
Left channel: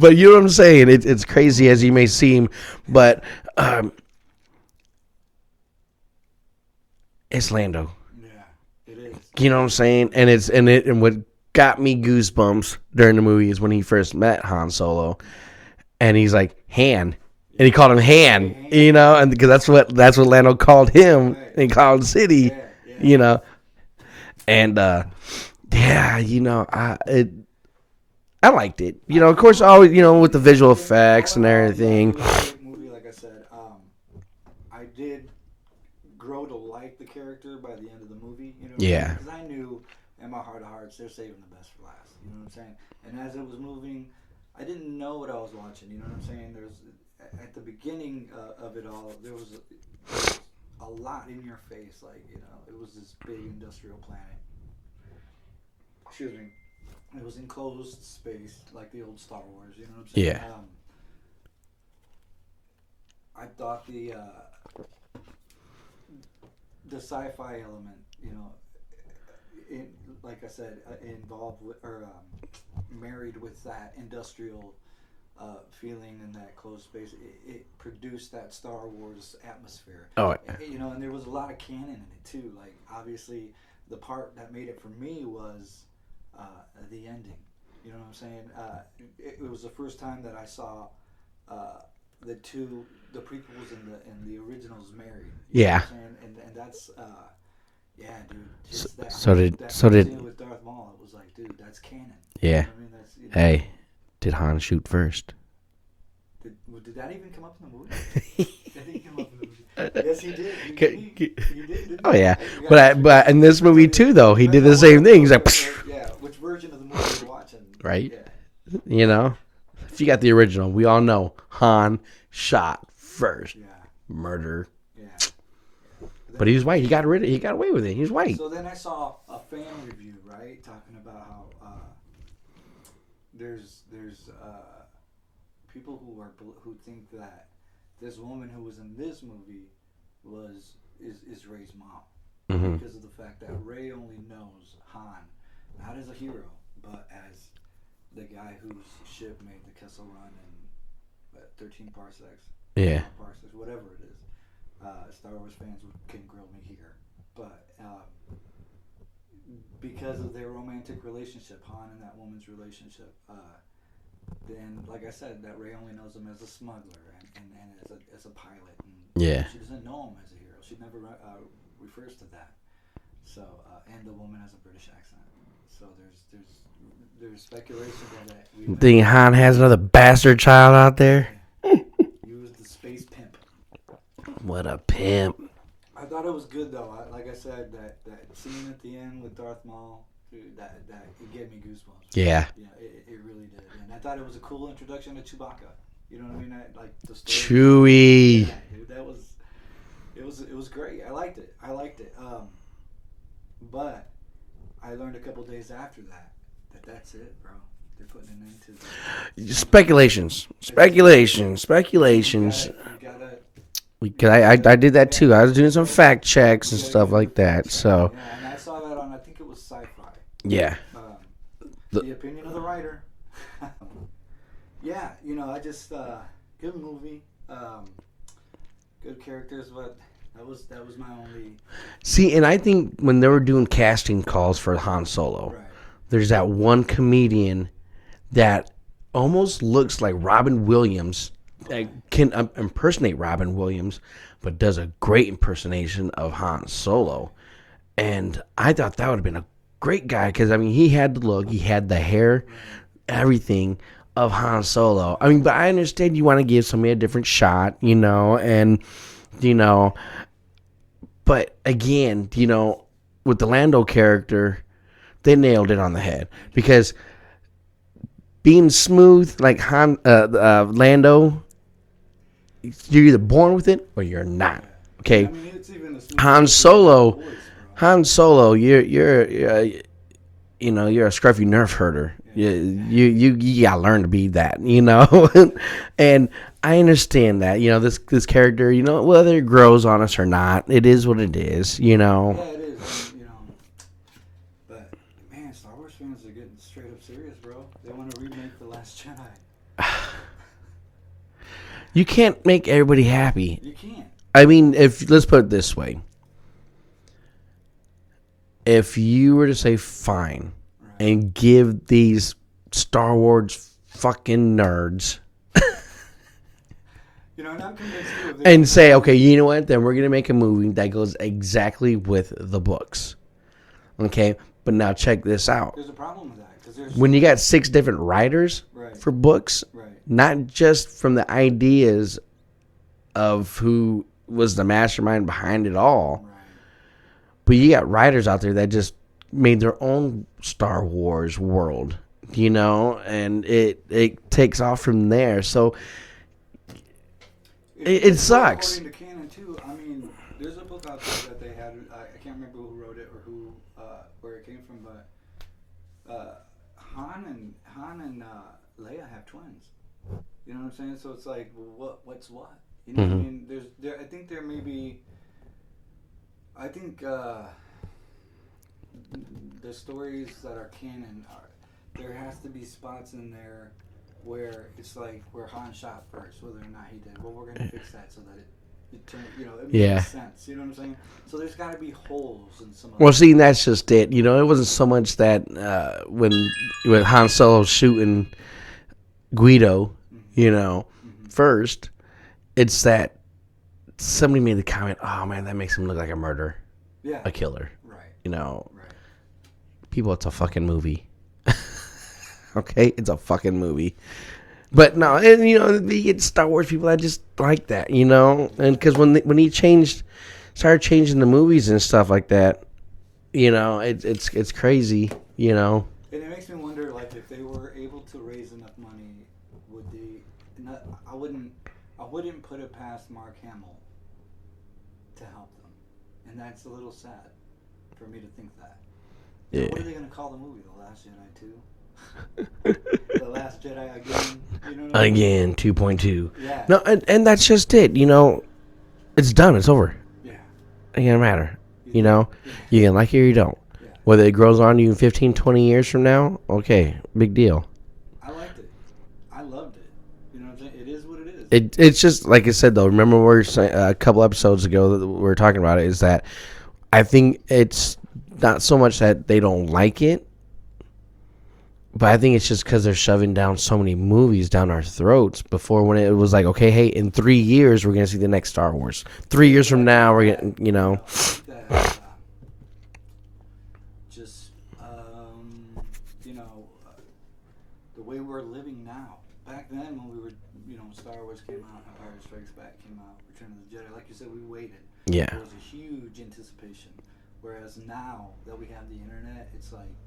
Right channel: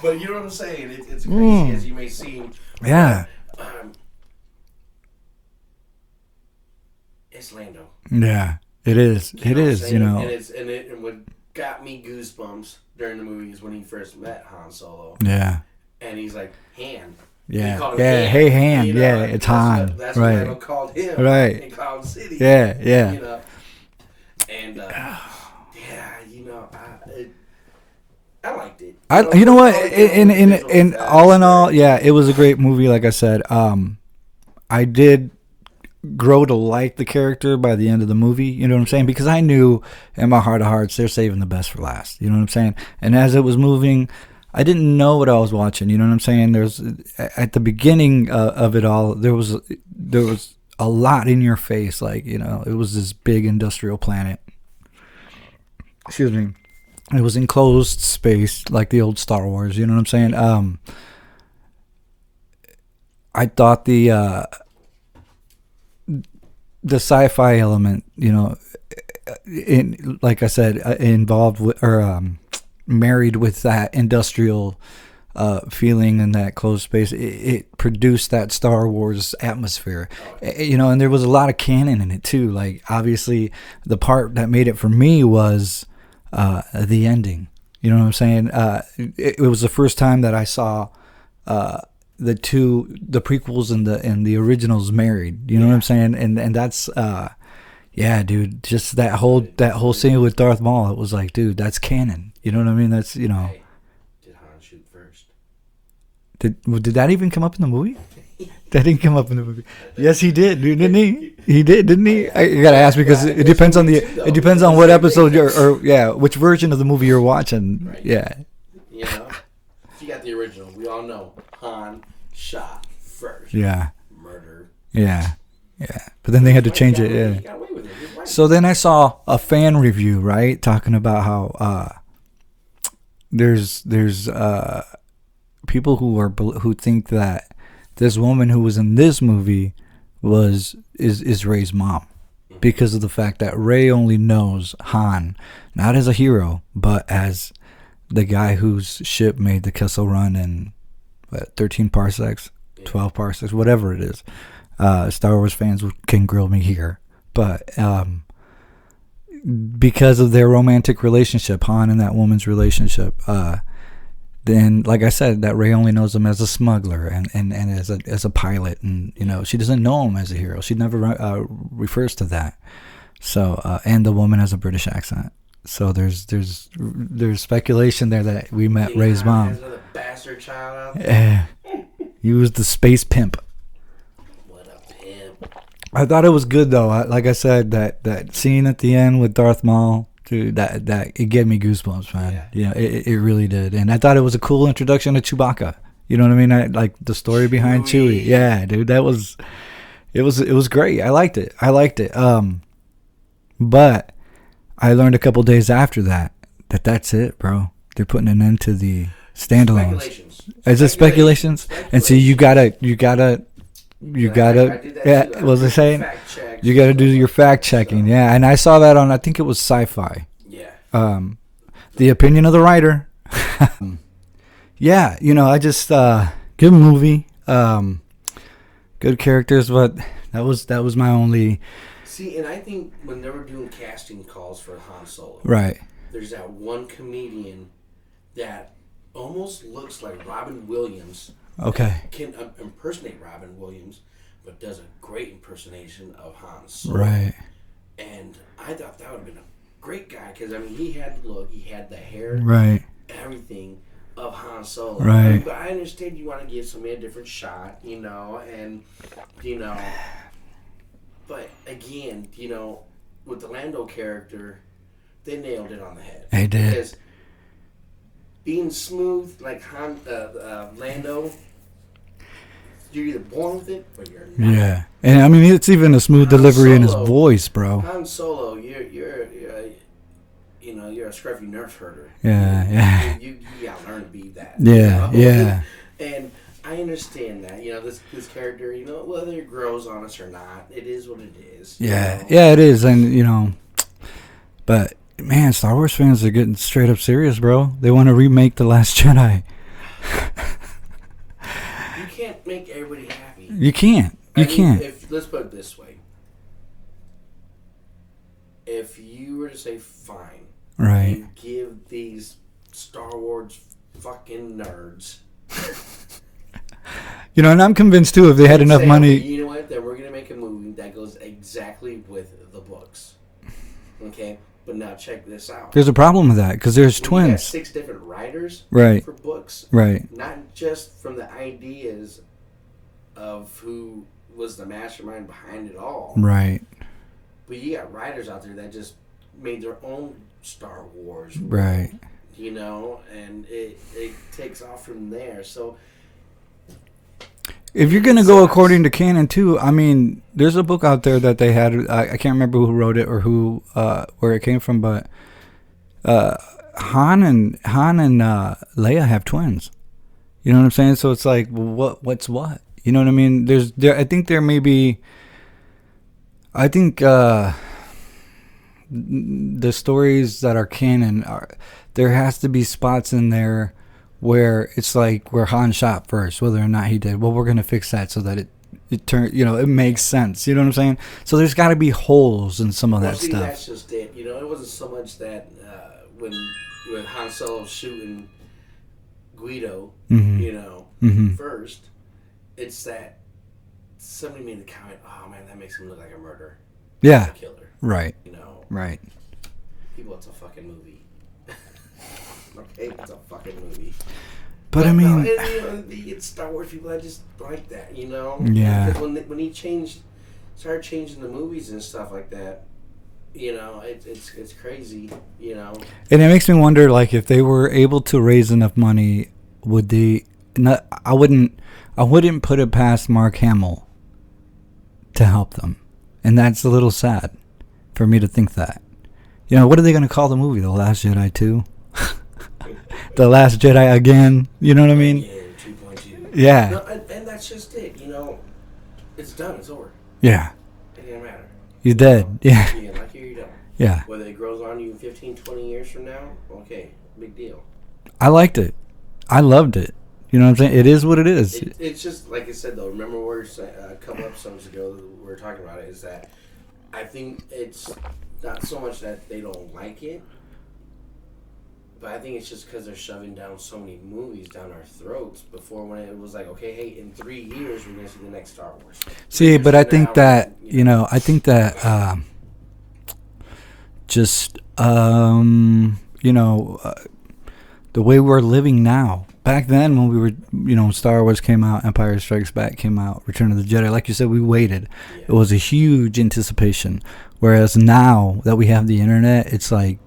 But you know what I'm saying? It's crazy as you may seem, but it's Lando. Yeah, it is. You know what I'm saying? And what got me goosebumps during the movie is when he first met Han Solo. Yeah. And he's like, Han. Yeah. And he called him Han. Hey, Han. And because that's what Lando called him. Right. And he called City. Yeah, yeah. And I liked it. With the visual effects. All in all, it was a great movie. Like I said, I did grow to like the character by the end of the movie. You know what I'm saying? Because I knew in my heart of hearts they're saving the best for last. You know what I'm saying? And as it was moving, I didn't know what I was watching. You know what I'm saying? There's at the beginning of it all, there was a lot in your face. Like it was this big industrial planet. Excuse me. It was enclosed space, like the old Star Wars. You know what I'm saying? Yeah. I thought the sci-fi element, like I said, involved with or married with that industrial feeling in that closed space, it produced that Star Wars atmosphere. Oh, yeah. And there was a lot of canon in it too. Like obviously, the part that made it for me was the ending. You know what I'm saying? It was the first time that I saw the prequels and the originals married. You know what I'm saying? And that's dude. Just that whole scene with Darth Maul. It was like, dude, that's canon. You know what I mean? That's Hey, did Han shoot first? Did that even come up in the movie? That didn't come up in the movie. Yes, he did, dude. Didn't he? He did, didn't he? Oh, yeah. You gotta ask because it depends on too, though. It depends on what episode which version of the movie you're watching. Right. Yeah. If you got the original, we all know Han shot first. Yeah. Murder. Yeah. Yeah. But then they had to change it. He got away with it. He's white. So then I saw a fan review, right, talking about how there's people who think that this woman who was in this movie is Rey's mom, because of the fact that Rey only knows Han not as a hero but as the guy whose ship made the Kessel Run in 13 parsecs, 12 parsecs, whatever it is. Star Wars fans can grill me here, but because of their romantic relationship, Han and that woman's relationship, then, like I said, that Rey only knows him as a smuggler and as a pilot, and she doesn't know him as a hero. She never refers to that. So, and the woman has a British accent. So there's speculation there that we met. Think Han has another bastard child out there? He was the space pimp. What a pimp! I thought it was good though. Like I said, that scene at the end with Darth Maul. Dude, that it gave me goosebumps. Man. Yeah, it really did, and I thought it was a cool introduction to Chewbacca. You know what I mean? I like the story behind Chewie. Yeah, dude, it was great. I liked it. But I learned a couple days after that's it, bro. They're putting an end to the standalone. Speculations. And so you gotta. I did that too. I was doing some fact checks. You got to do your fact checking, so. Yeah. And I saw that on, I think it was Sci-Fi. Yeah. The opinion of the writer. Yeah, I just good movie, good characters, but that was my only. See, and I think when they were doing casting calls for Han Solo, right? There's that one comedian that almost looks like Robin Williams. Okay. Can impersonate Robin Williams, but does a great impersonation of Han Solo. Right. And I thought that would have been a great guy because, I mean, he had the look, he had the hair, Right. everything of Han Solo. Right. I mean, but I understand you want to give somebody a different shot, you know, and, you know, but again, you know, with the Lando character, they nailed it on the head. They did. Because being smooth like Lando, you're either born with it or you're not. Yeah. Okay? And I mean, it's even a smooth Han delivery Solo, in his voice, bro. Han Solo, you're you know, you're a scruffy nerf herder. Yeah, You gotta learn to be that. Yeah, You know, yeah. and I understand that. You know, this character. You know, whether it grows on us or not, it is what it is. You know. Yeah, it is, and you know, but man, Star Wars fans are getting straight up serious, bro. They want to remake The Last Jedi. You can't make everybody happy. You can't. I mean, if let's put it this way. If you were to say fine, right, and give these Star Wars fucking nerds, you know, and I'm convinced too, if they had and enough say, money, okay, you know what, then we're gonna make a movie that goes exactly with the books. Okay, but now check this out. there's a problem with that because there's When twins. you got 6 different writers, Right. for books, Right. not just from the ideas of who was the mastermind behind it all, Right. but you got writers out there that just made their own Star Wars world, Right. you know, and it takes off from there. So If you're it gonna go sucks. according to canon too, I mean, there's a book out there that they had. I can't remember who wrote it or who where it came from, but Han and Leia have twins. You know what I'm saying? So it's like, what's what? You know what I mean? I think there may be. I think the stories that are canon there has to be spots in there where it's like where Han shot first, whether or not he did. Well, we're gonna fix that so that it turn, you know, it makes sense. You know what I'm saying? So there's got to be holes in some of that. Well, see, stuff. that's just it. You know, it wasn't so much that when Han Solo's shooting Guido, you know, first, it's that somebody made the comment, "Oh man, that makes him look like a murderer, a killer." Right. You know, Right. people, it's a fucking movie. Okay, it's a fucking movie. But no, and you know, it's Star Wars people that just like that, you know, and because when he started changing the movies and stuff like that, you know, it's crazy, you know. And it makes me wonder, like, if they were able to raise enough money, would they? Not, I wouldn't put it past Mark Hamill to help them, and that's a little sad for me to think that. You know, what are they going to call the movie? The Last Jedi 2? The Last Jedi again? You know what I mean? Again, 2.2. Yeah. No, and that's just it. You know, it's done. It's over. Yeah. It doesn't matter. You did. Know? Yeah. You can like it or you don't. Yeah. Whether it grows on you 15, 20 years from now, okay, big deal. I liked it. I loved it. You know what I'm saying? It is what it is. It's just, like I said, though, remember we were saying, a couple episodes ago that we were talking about it, is that I think it's not so much that they don't like it, but I think it's just because they're shoving down so many movies down our throats before when it was like, okay, hey, in 3 years, we're going to see the next Star Wars. 3 years from now, you know, I think that you know, the way we're living now. Back then, when we were, you know, Star Wars came out, Empire Strikes Back came out, Return of the Jedi, like you said, we waited. Yeah. It was a huge anticipation. Whereas now that we have the internet, it's like,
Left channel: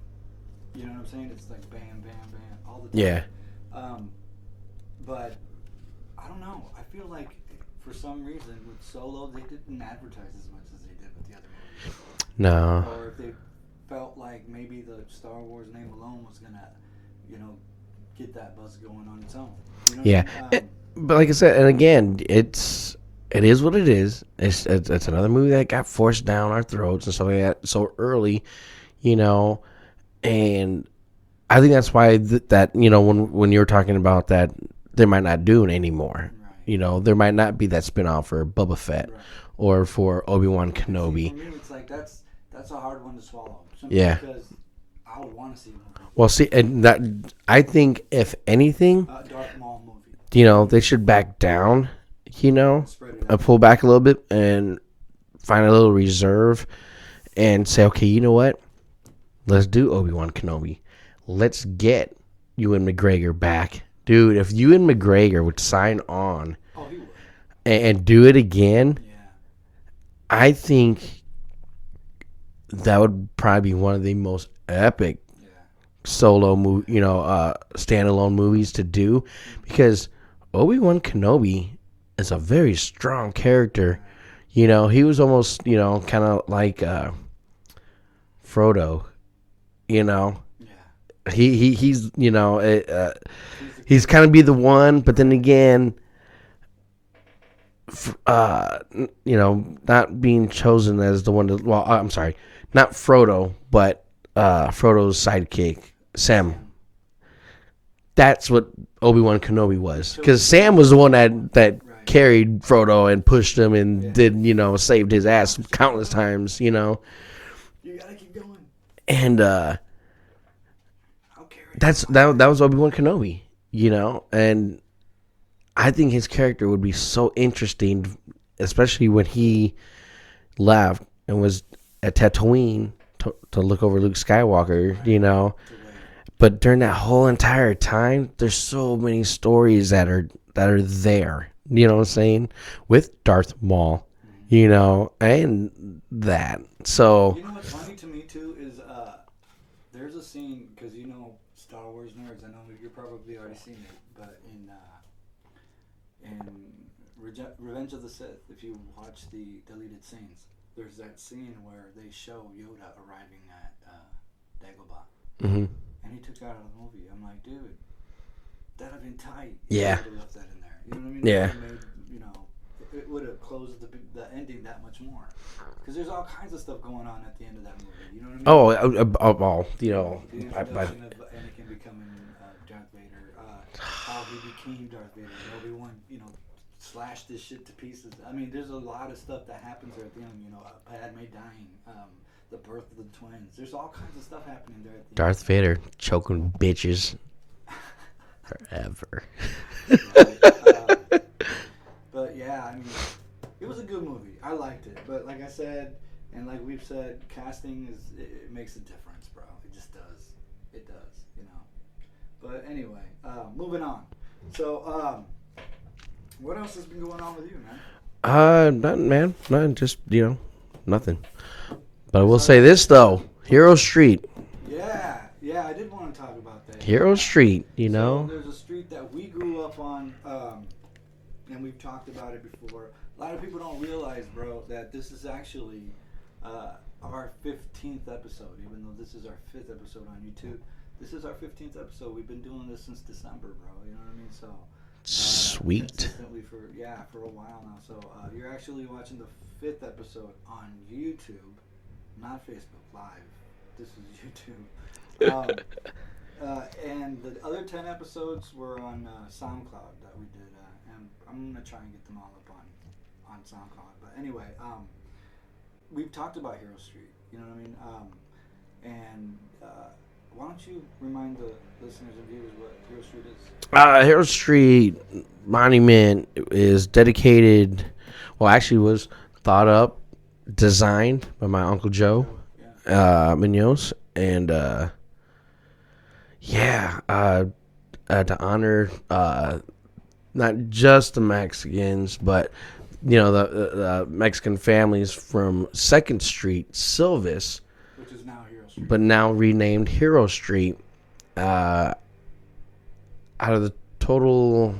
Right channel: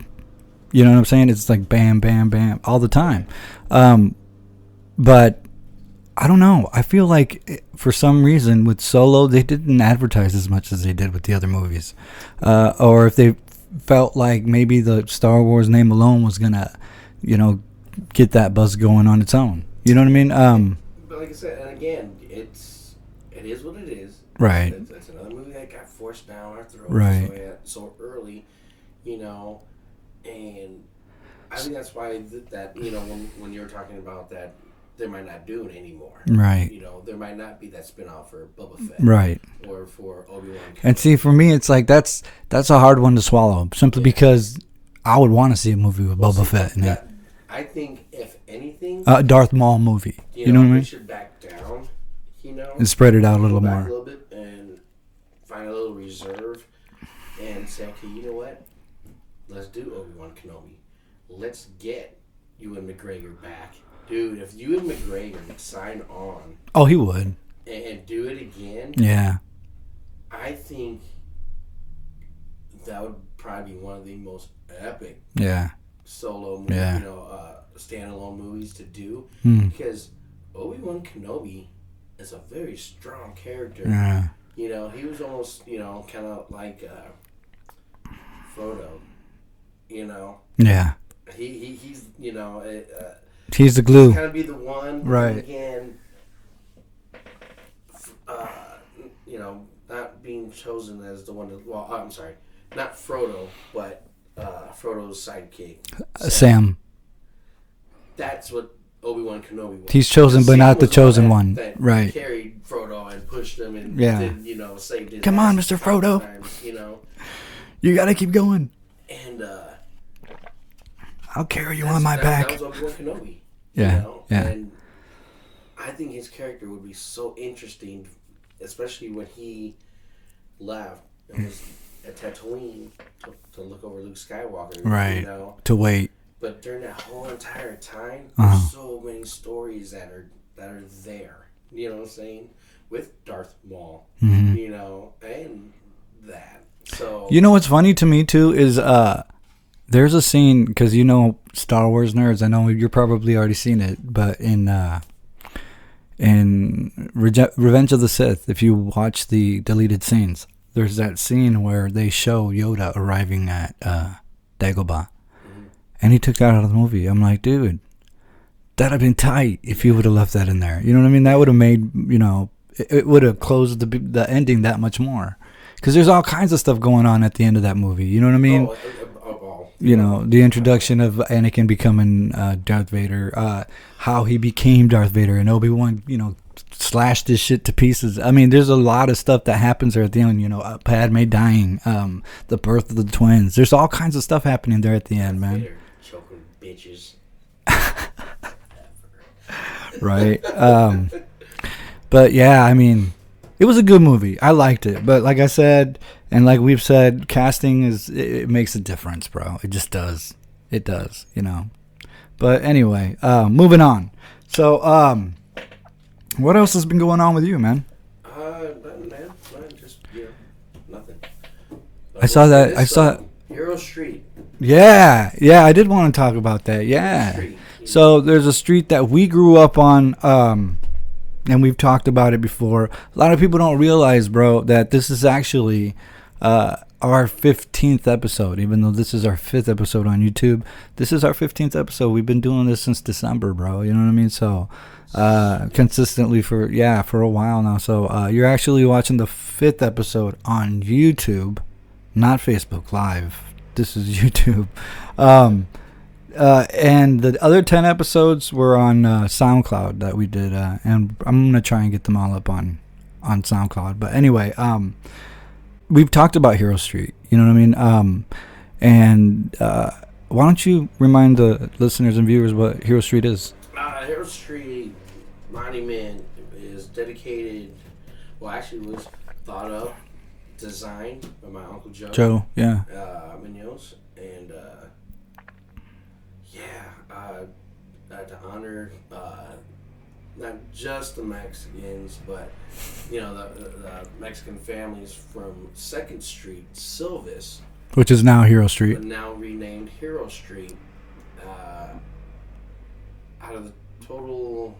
you know what I'm saying? It's like bam, bam, bam, all the time. Yeah. But I don't know. I feel like for some reason with Solo, they didn't advertise as much as they did with the other movies. No. Or if they felt like maybe the Star Wars name alone was going to, you know, get that buzz going on its own. You know what I mean? But like I said, and again, it is what it is. Right. It's another movie that got forced down our throats and stuff like that so early, you know. And I think that's why that you know, when you were talking about that, they might not do it anymore. Right. You know, there might not be that spinoff for Boba Fett. Right. Or for Obi-Wan Kenobi. And see, for me, it's like that's a hard one to swallow, simply because I would want to see a movie with Boba Fett. I think if anything, Darth Maul movie. You know, they should back down. You know, and spread it out. Pull back a little bit and find a little reserve, and say, okay, you know what? Let's do Obi-Wan Kenobi. Let's get Ewan McGregor back, dude. If Ewan McGregor would sign on, he would, and do it again. Yeah, I think that would probably be one of the most epic, solo movie, standalone movies to do, because Obi-Wan Kenobi is a very strong character. Yeah. You know, he was almost, kind of like Frodo. You know. Yeah. He's he's the glue. He's kind of be the one, but then again, not being chosen as the one to. Well, I'm sorry, not Frodo, but Frodo's sidekick, Sam. That's what Obi-Wan Kenobi was. He's chosen, but Sam not was the the one chosen that one. carried Frodo and pushed him and did, saved his ass countless times. You gotta keep going. And I'll carry you on my back. That was Obi-Wan Kenobi. And I think his character would be so interesting, especially when he left and was at Tatooine to look over Luke Skywalker. Right. To wait. But during that whole entire time, there's so many stories that are there. You know what I'm saying? With Darth Maul, and that. So what's funny to me too is there's a scene, because Star Wars nerds. I know you're probably already seen it, but in Revenge of the Sith, if you watch the deleted scenes, there's that scene where they show Yoda arriving at Dagobah. Mm-hmm. And he took that out of the movie. I'm like, dude, that'd have been tight if you would have left that in there. You know what I mean? That would have made, it would have closed the ending that much more. Because there's all kinds of stuff going on at the end of that movie. You know what I mean? The introduction of Anakin becoming Darth Vader, how he became Darth Vader, and Obi-Wan, slashed his shit to pieces. I mean, there's a lot of stuff that happens there at the end. Padme dying, the birth of the twins. There's all kinds of stuff happening there at the Darth end. Darth Vader choking bitches forever. Right. But yeah, I mean, it was a good movie. I liked it. But like I said, and like we've said, casting it makes a difference, bro. It just does. It does, But anyway, moving on. So, what else has been going on with you, man? Nothing, man. Nothing, just, nothing. But I will say this, though. Hero Street. Yeah, I did want to talk about that. Hero Street. So there's a street that we grew up on, and we've talked about it before. A lot of people don't realize, bro, that this is actually our 15th episode. Even though this is our 5th episode on YouTube, this is our 15th episode. We've been doing this since December, bro. You know what I mean? So consistently for a while now. So you're actually watching the 5th episode on YouTube, not Facebook Live. This is YouTube. And the other 10 episodes were on SoundCloud that we did, and I'm gonna try and get them all up on SoundCloud. But anyway, we've talked about Hero Street. You know what I mean? And why don't you remind the listeners and viewers what Hero Street is? Hero Street Monument is dedicated. Well, actually, was thought up, designed by my Uncle Joe. Munoz, and to honor not just the Mexicans, but the Mexican families from 2nd Street, Silvis, which is now Hero Street, but now renamed Hero Street. Out of the total,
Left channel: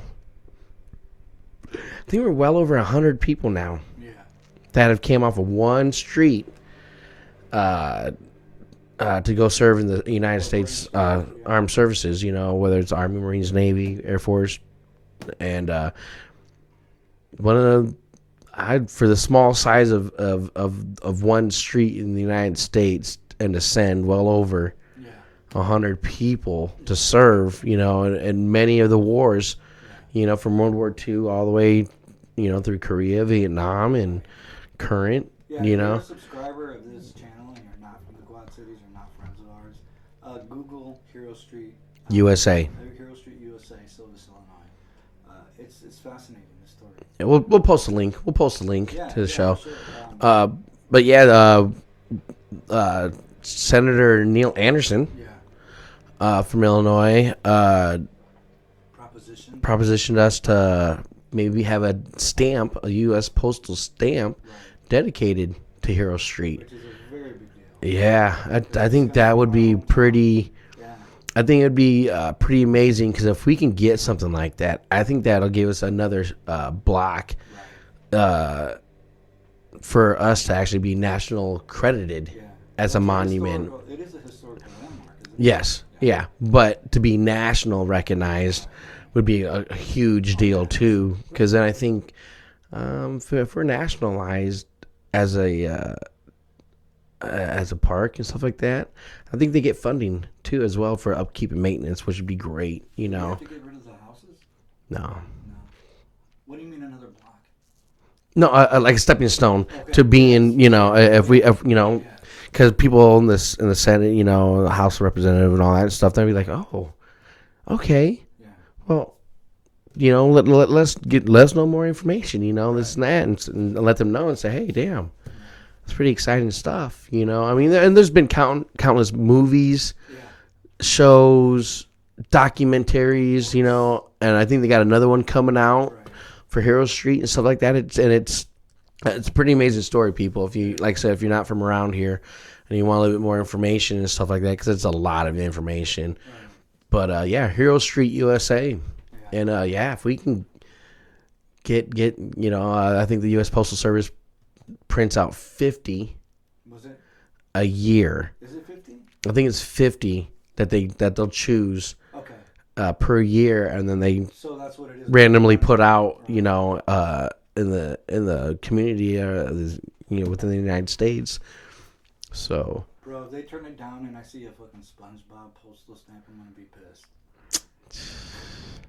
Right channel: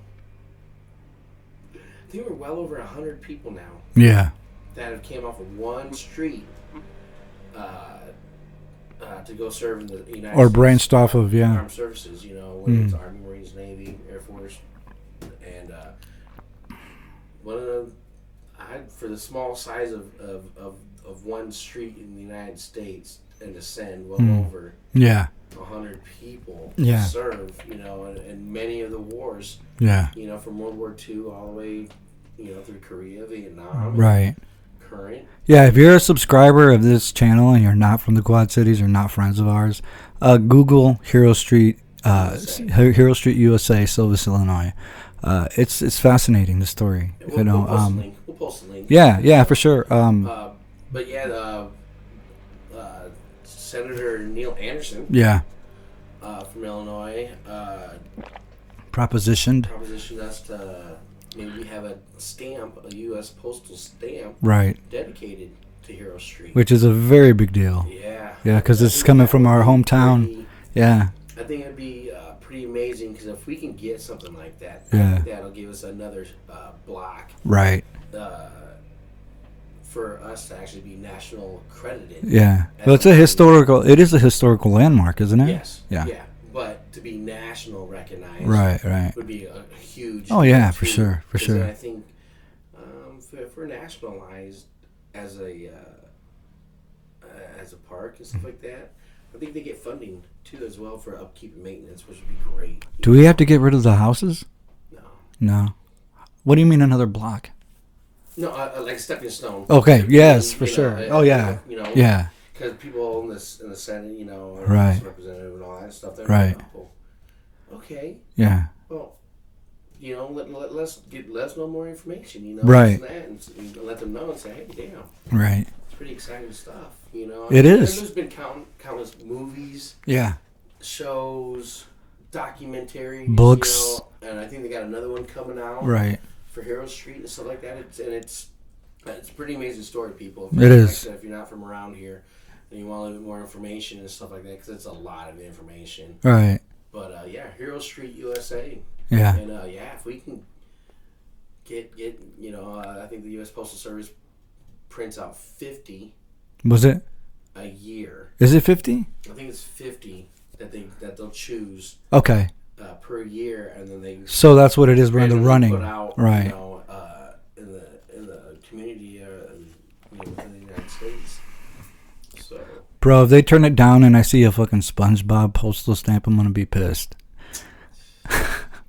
I think we're well over 100 people now. Yeah, that have came off of one street to go serve in the United States, or branched off of armed services. Whether it's Army, Marines, Navy, Air Force, and one of for the small size of one street in the United States, and to send well over 100 people to serve, in many of the wars, from World War II all the way, through Korea, Vietnam, and current. Yeah, if you're a subscriber of this channel and you're not from the Quad Cities or not friends of ours, Google Hero Street USA. Hero Street, USA, Silvis, Illinois. It's fascinating, the story. Yeah, we'll post a link. We'll post a link. Yeah, for sure. But yeah, Senator Neil Anderson. Yeah. From Illinois. Propositioned us to maybe have a stamp, a U.S. postal stamp, right, dedicated to Hero Street, which is a very big deal. Yeah, because it's coming from our hometown. I think it'd be pretty amazing because if we can get something like that, I think that'll give us another block, right, for us to actually be national credited. Yeah, but it's It is a historical landmark, isn't it? Yes. Yeah. But to be national recognized, right, would be a huge deal too. Because then I think if we're nationalized as a park and stuff like that, I think they get funding too as well for upkeep and maintenance, which would be great. Do we have to get rid of the houses? No. What do you mean another block? No, like a stepping stone. Okay. To be in, yeah. Because people in the Senate, the House of Representatives and all that stuff, they're like, oh, okay. Yeah. Well, let's know more information, this and that, and let them know and say, hey, damn. Right. It's pretty exciting stuff, It is. is. And there's been countless movies, shows, documentaries, books. And I think they got another one coming out. Right. For Hero Street and stuff like that. It's a pretty amazing story, people. If you like I said, if you're not from around here and you want a little bit more information and stuff like that, because it's a lot of information. Right. But Hero Street USA. Yeah. And if we can get I think the U.S. Postal Service prints out 50. Was it a year? Is it 50? I think it's 50 that they'll choose. Okay. Per year, and then they that's what it is randomly put out, in the community, within the United States. So, bro, if they turn it down and I see a fucking SpongeBob postal stamp, I'm gonna be pissed,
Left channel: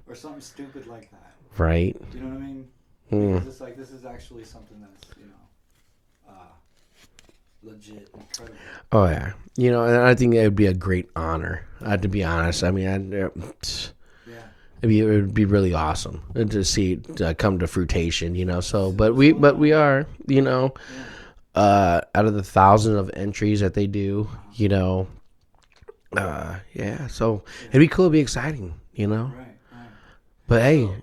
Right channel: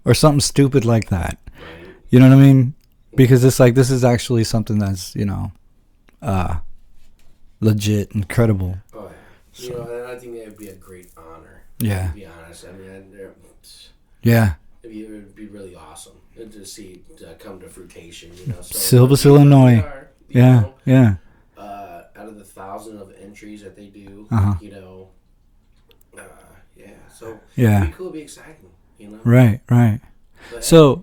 or something stupid like that. Right? You know what I mean? Because it's like this is actually something that's legit, incredible. Oh yeah. And I think it would be a great honor. To be honest, I mean, it would be really awesome to see it come to fruition. So, but we are, out of the 1,000 of entries that they do, So it'd be cool, it'd be exciting, Right. But so,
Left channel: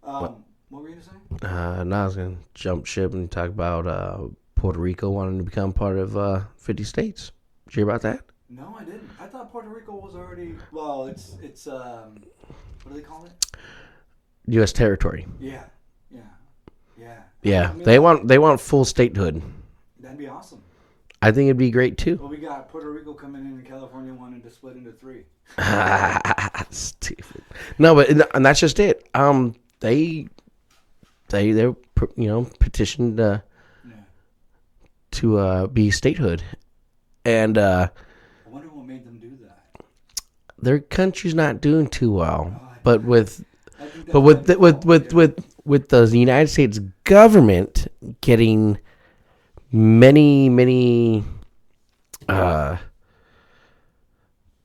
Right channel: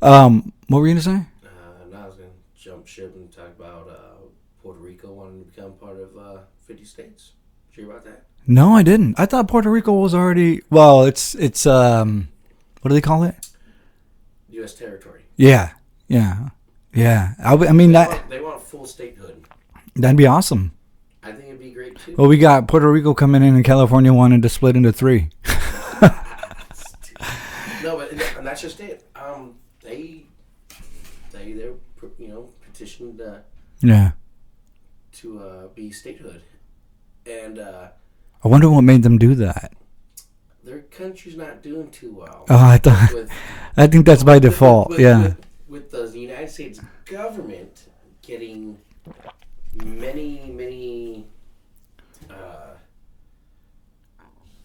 what were you gonna say? Now I was gonna jump ship and talk about Puerto Rico wanting to become part of 50 states. Did you hear about that? No, I didn't. I thought Puerto Rico was already. Well, it's what do they call it? U.S. territory. Yeah. I mean, they want full statehood. That'd be awesome. I think it'd be great too. Well, we got Puerto Rico coming in, and California wanted to split into 3. No, but and that's just it. They petitioned to be statehood, and I wonder what made them do that. Their country's not doing too well. Oh, I think that's by default. With the United States government getting many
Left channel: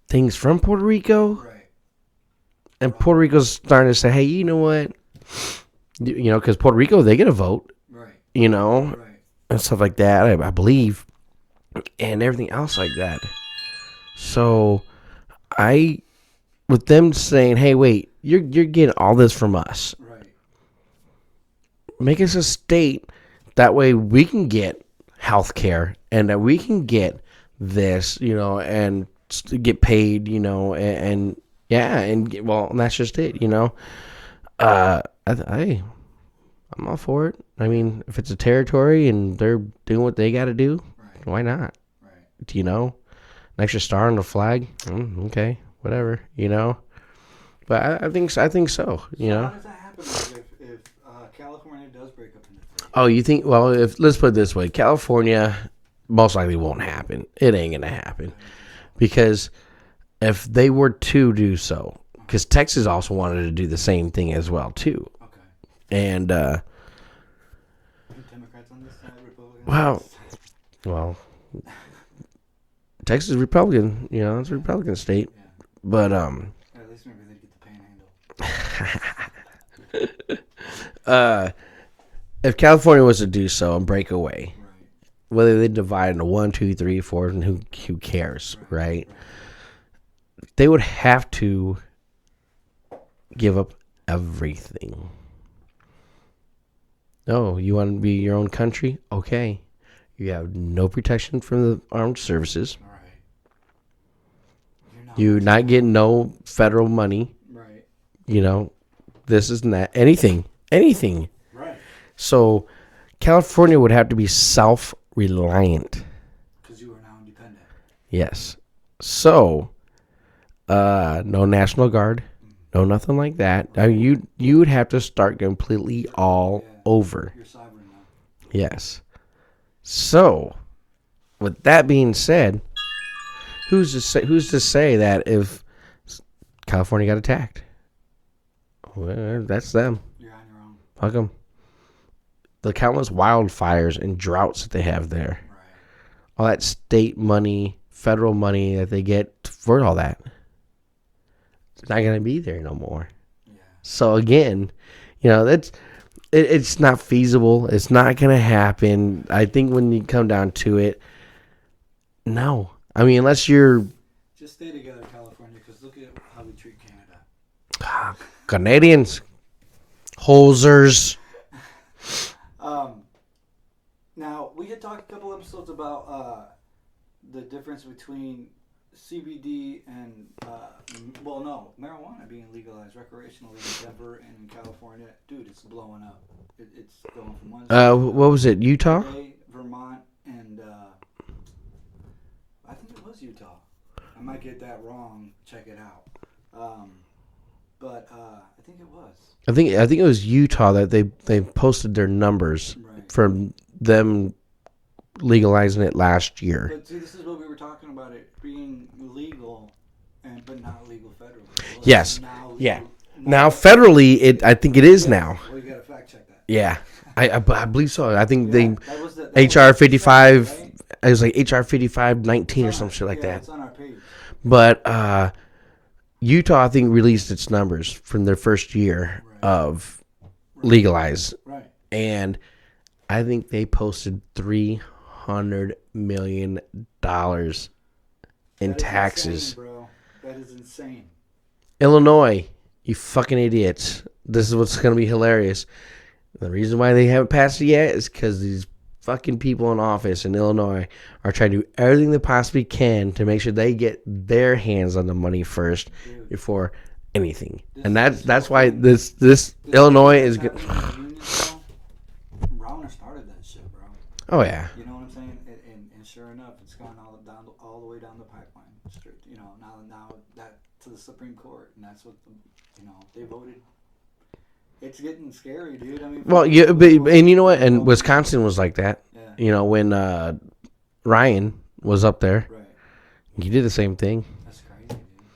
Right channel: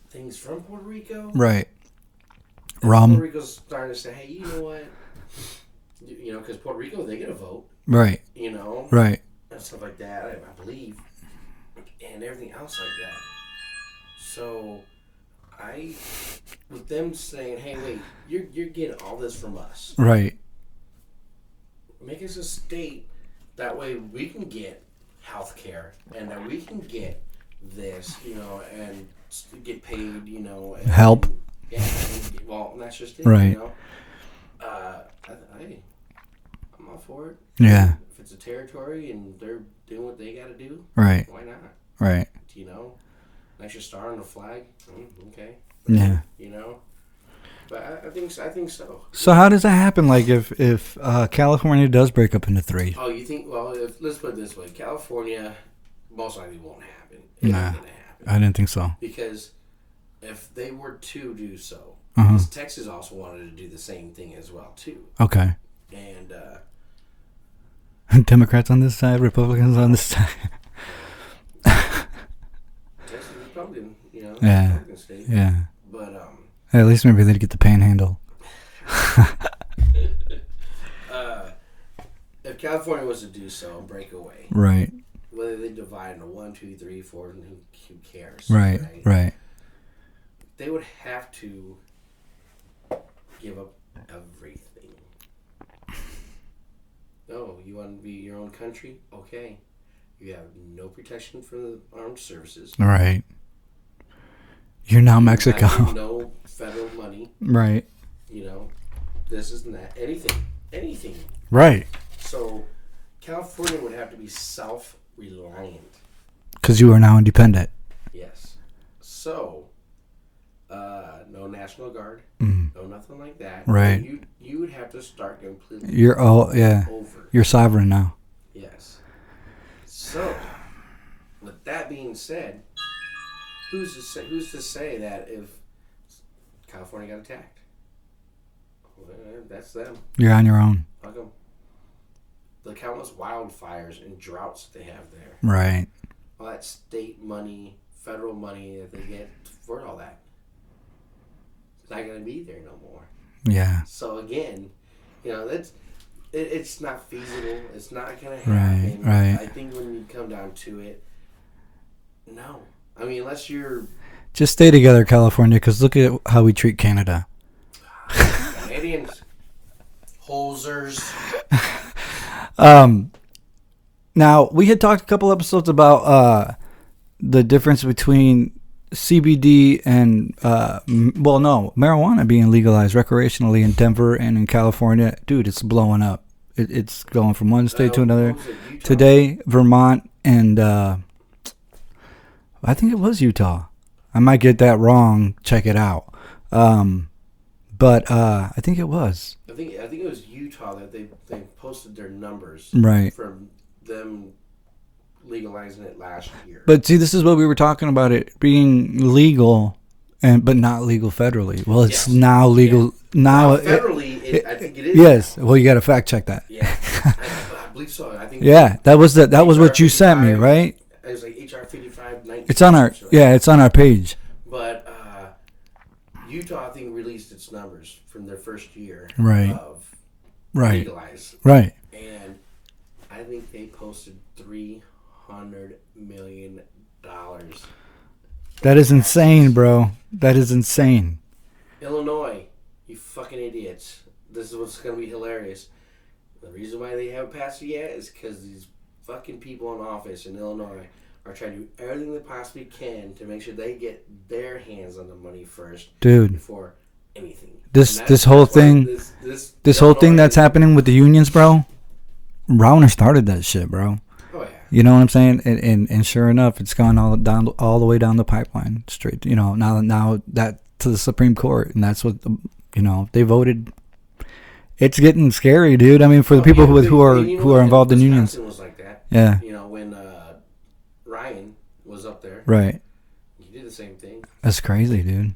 things from Puerto Rico, right? And Puerto Rico's starting to say, "Hey, you know what? Because Puerto Rico, they get a vote, right? Right, and stuff like that. I believe, and everything else like that. So, with them saying, "Hey, wait, you're getting all this from us, right? Make us a state. That way, we can get health care, and that we can get this, and get paid, and help." And that's just it, right. I'm all for it. I mean, if it's a territory and they're doing what they got to do, right? Why not? Right. An extra star on the flag, okay, whatever, But I think so. So how does that happen? Like if California does break up into 3? Oh, you think? Well, let's put it this way, California most likely won't happen. It ain't gonna happen. I didn't think so. Because if they were to do so, because Texas also wanted to do the same thing as well too. Okay. And Democrats on this side, Republicans on this side. Well, Texas is Republican, it's a Republican state. Yeah. But Hey, at least maybe they'd get the panhandle. If California was to do so and break away, Right. whether they divide into 1, 2, 3, 4, and who cares, right? Right. They would have to give up everything. Oh, you want to be your own country? Okay. You have no protection from the armed services. Right. You're now Mexico. You're not getting no federal money. Right. You know, this isn't that. Anything. Right. So, California would have to be self-reliant. Because you are now independent. Yes. So, no National Guard, no nothing like that. Right. You would have to start completely. You're all over. You're sovereign now. Yes. So, with that being said, who's to say that if California got attacked? Well, that's them. You're on your own. Fuck them. The countless wildfires and droughts that they have there. Right. All that state money, federal money that they get for all that. It's not going to be there no more. Yeah. So again, it's not feasible. It's not going to happen. Right. I think when you come down to it, no. I mean, unless you're... Just stay together, California, because look at how we treat Canada. Canadians. Hosers. Now, we had talked a couple episodes about the difference between CBD and, marijuana being legalized recreationally in Denver and in California. Dude, it's blowing up. It's going from one state to another. What was it, Utah? Today, Vermont, and I think it was Utah. I might get that wrong. Check it out. But I think it was. I think it was Utah that they posted their numbers from them legalizing it last year. But see, this is what we were talking about, it being legal but not legal federally. Well, it's now legal. Yeah. Now federally, I think it is now. Well, you got to fact check that. Yeah, I believe so. I think that was what you said, right? It was like HR 5519. It's on our it's on our page. But Utah, I think, released its numbers from their first year of legalize. Right. And I think they posted $300 million. That is insane, bro. That is insane. Illinois, you fucking idiots. This is what's going to be hilarious. The reason why they haven't passed it yet is because these fucking people in office in Illinois are trying to do everything they possibly can to make sure they get their hands on the money first, dude, before anything. This whole thing that's happening with the unions, bro. Rauner started that shit, bro. Oh yeah. You know what I'm saying? And sure enough, it's gone all the way down the pipeline, straight. Now that to the Supreme Court, and that's what they voted. It's getting scary, dude. I mean, for people who are, and you know what? And Wisconsin was like that. Yeah. When Ryan was up there, right? He did the same thing. That's crazy, dude.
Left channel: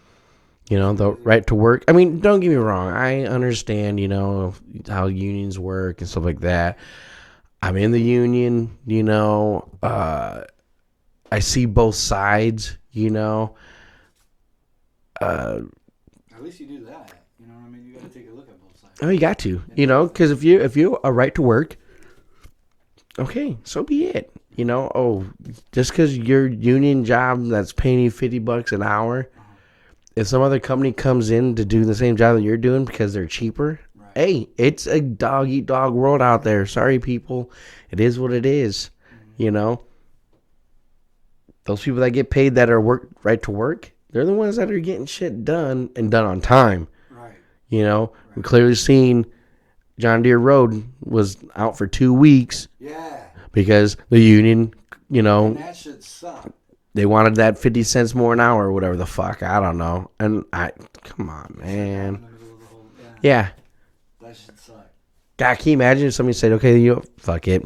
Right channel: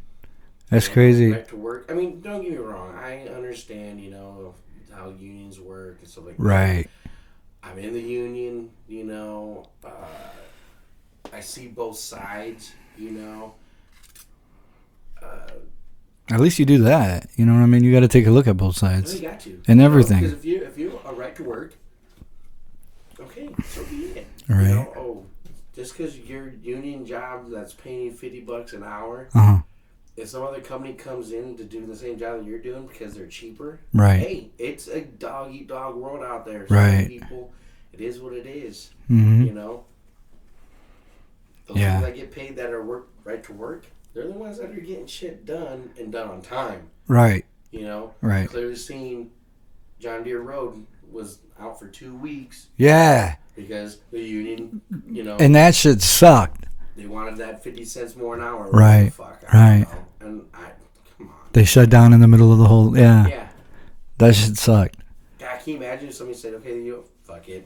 That's crazy. Right to work. I mean, don't get me wrong. I understand, how unions work and stuff like that. Right. I'm in the union, I see both sides, At least you do that. You know what I mean? You got to take a look at both sides. No, you got to. And everything. Because if you are right to work, okay, so be it. Right. Just because your union job that's paying you $50 an hour, if some other company comes in to do the same job that you're doing because they're cheaper, right? Hey, it's a dog eat dog world out there. Sorry, people. It is what it is. Mm-hmm. Those people that get paid that are right to work, they're the ones that are getting shit done and done on time. Right. Right. Clearly seen John Deere Road was out for 2 weeks. Yeah. Because the union, And that shit sucked. They wanted that 50 cents more an hour or whatever the fuck. I don't know. And come on. They shut down in the middle of the whole, Yeah. That shit sucked. God, can you imagine if somebody said, okay, fuck it.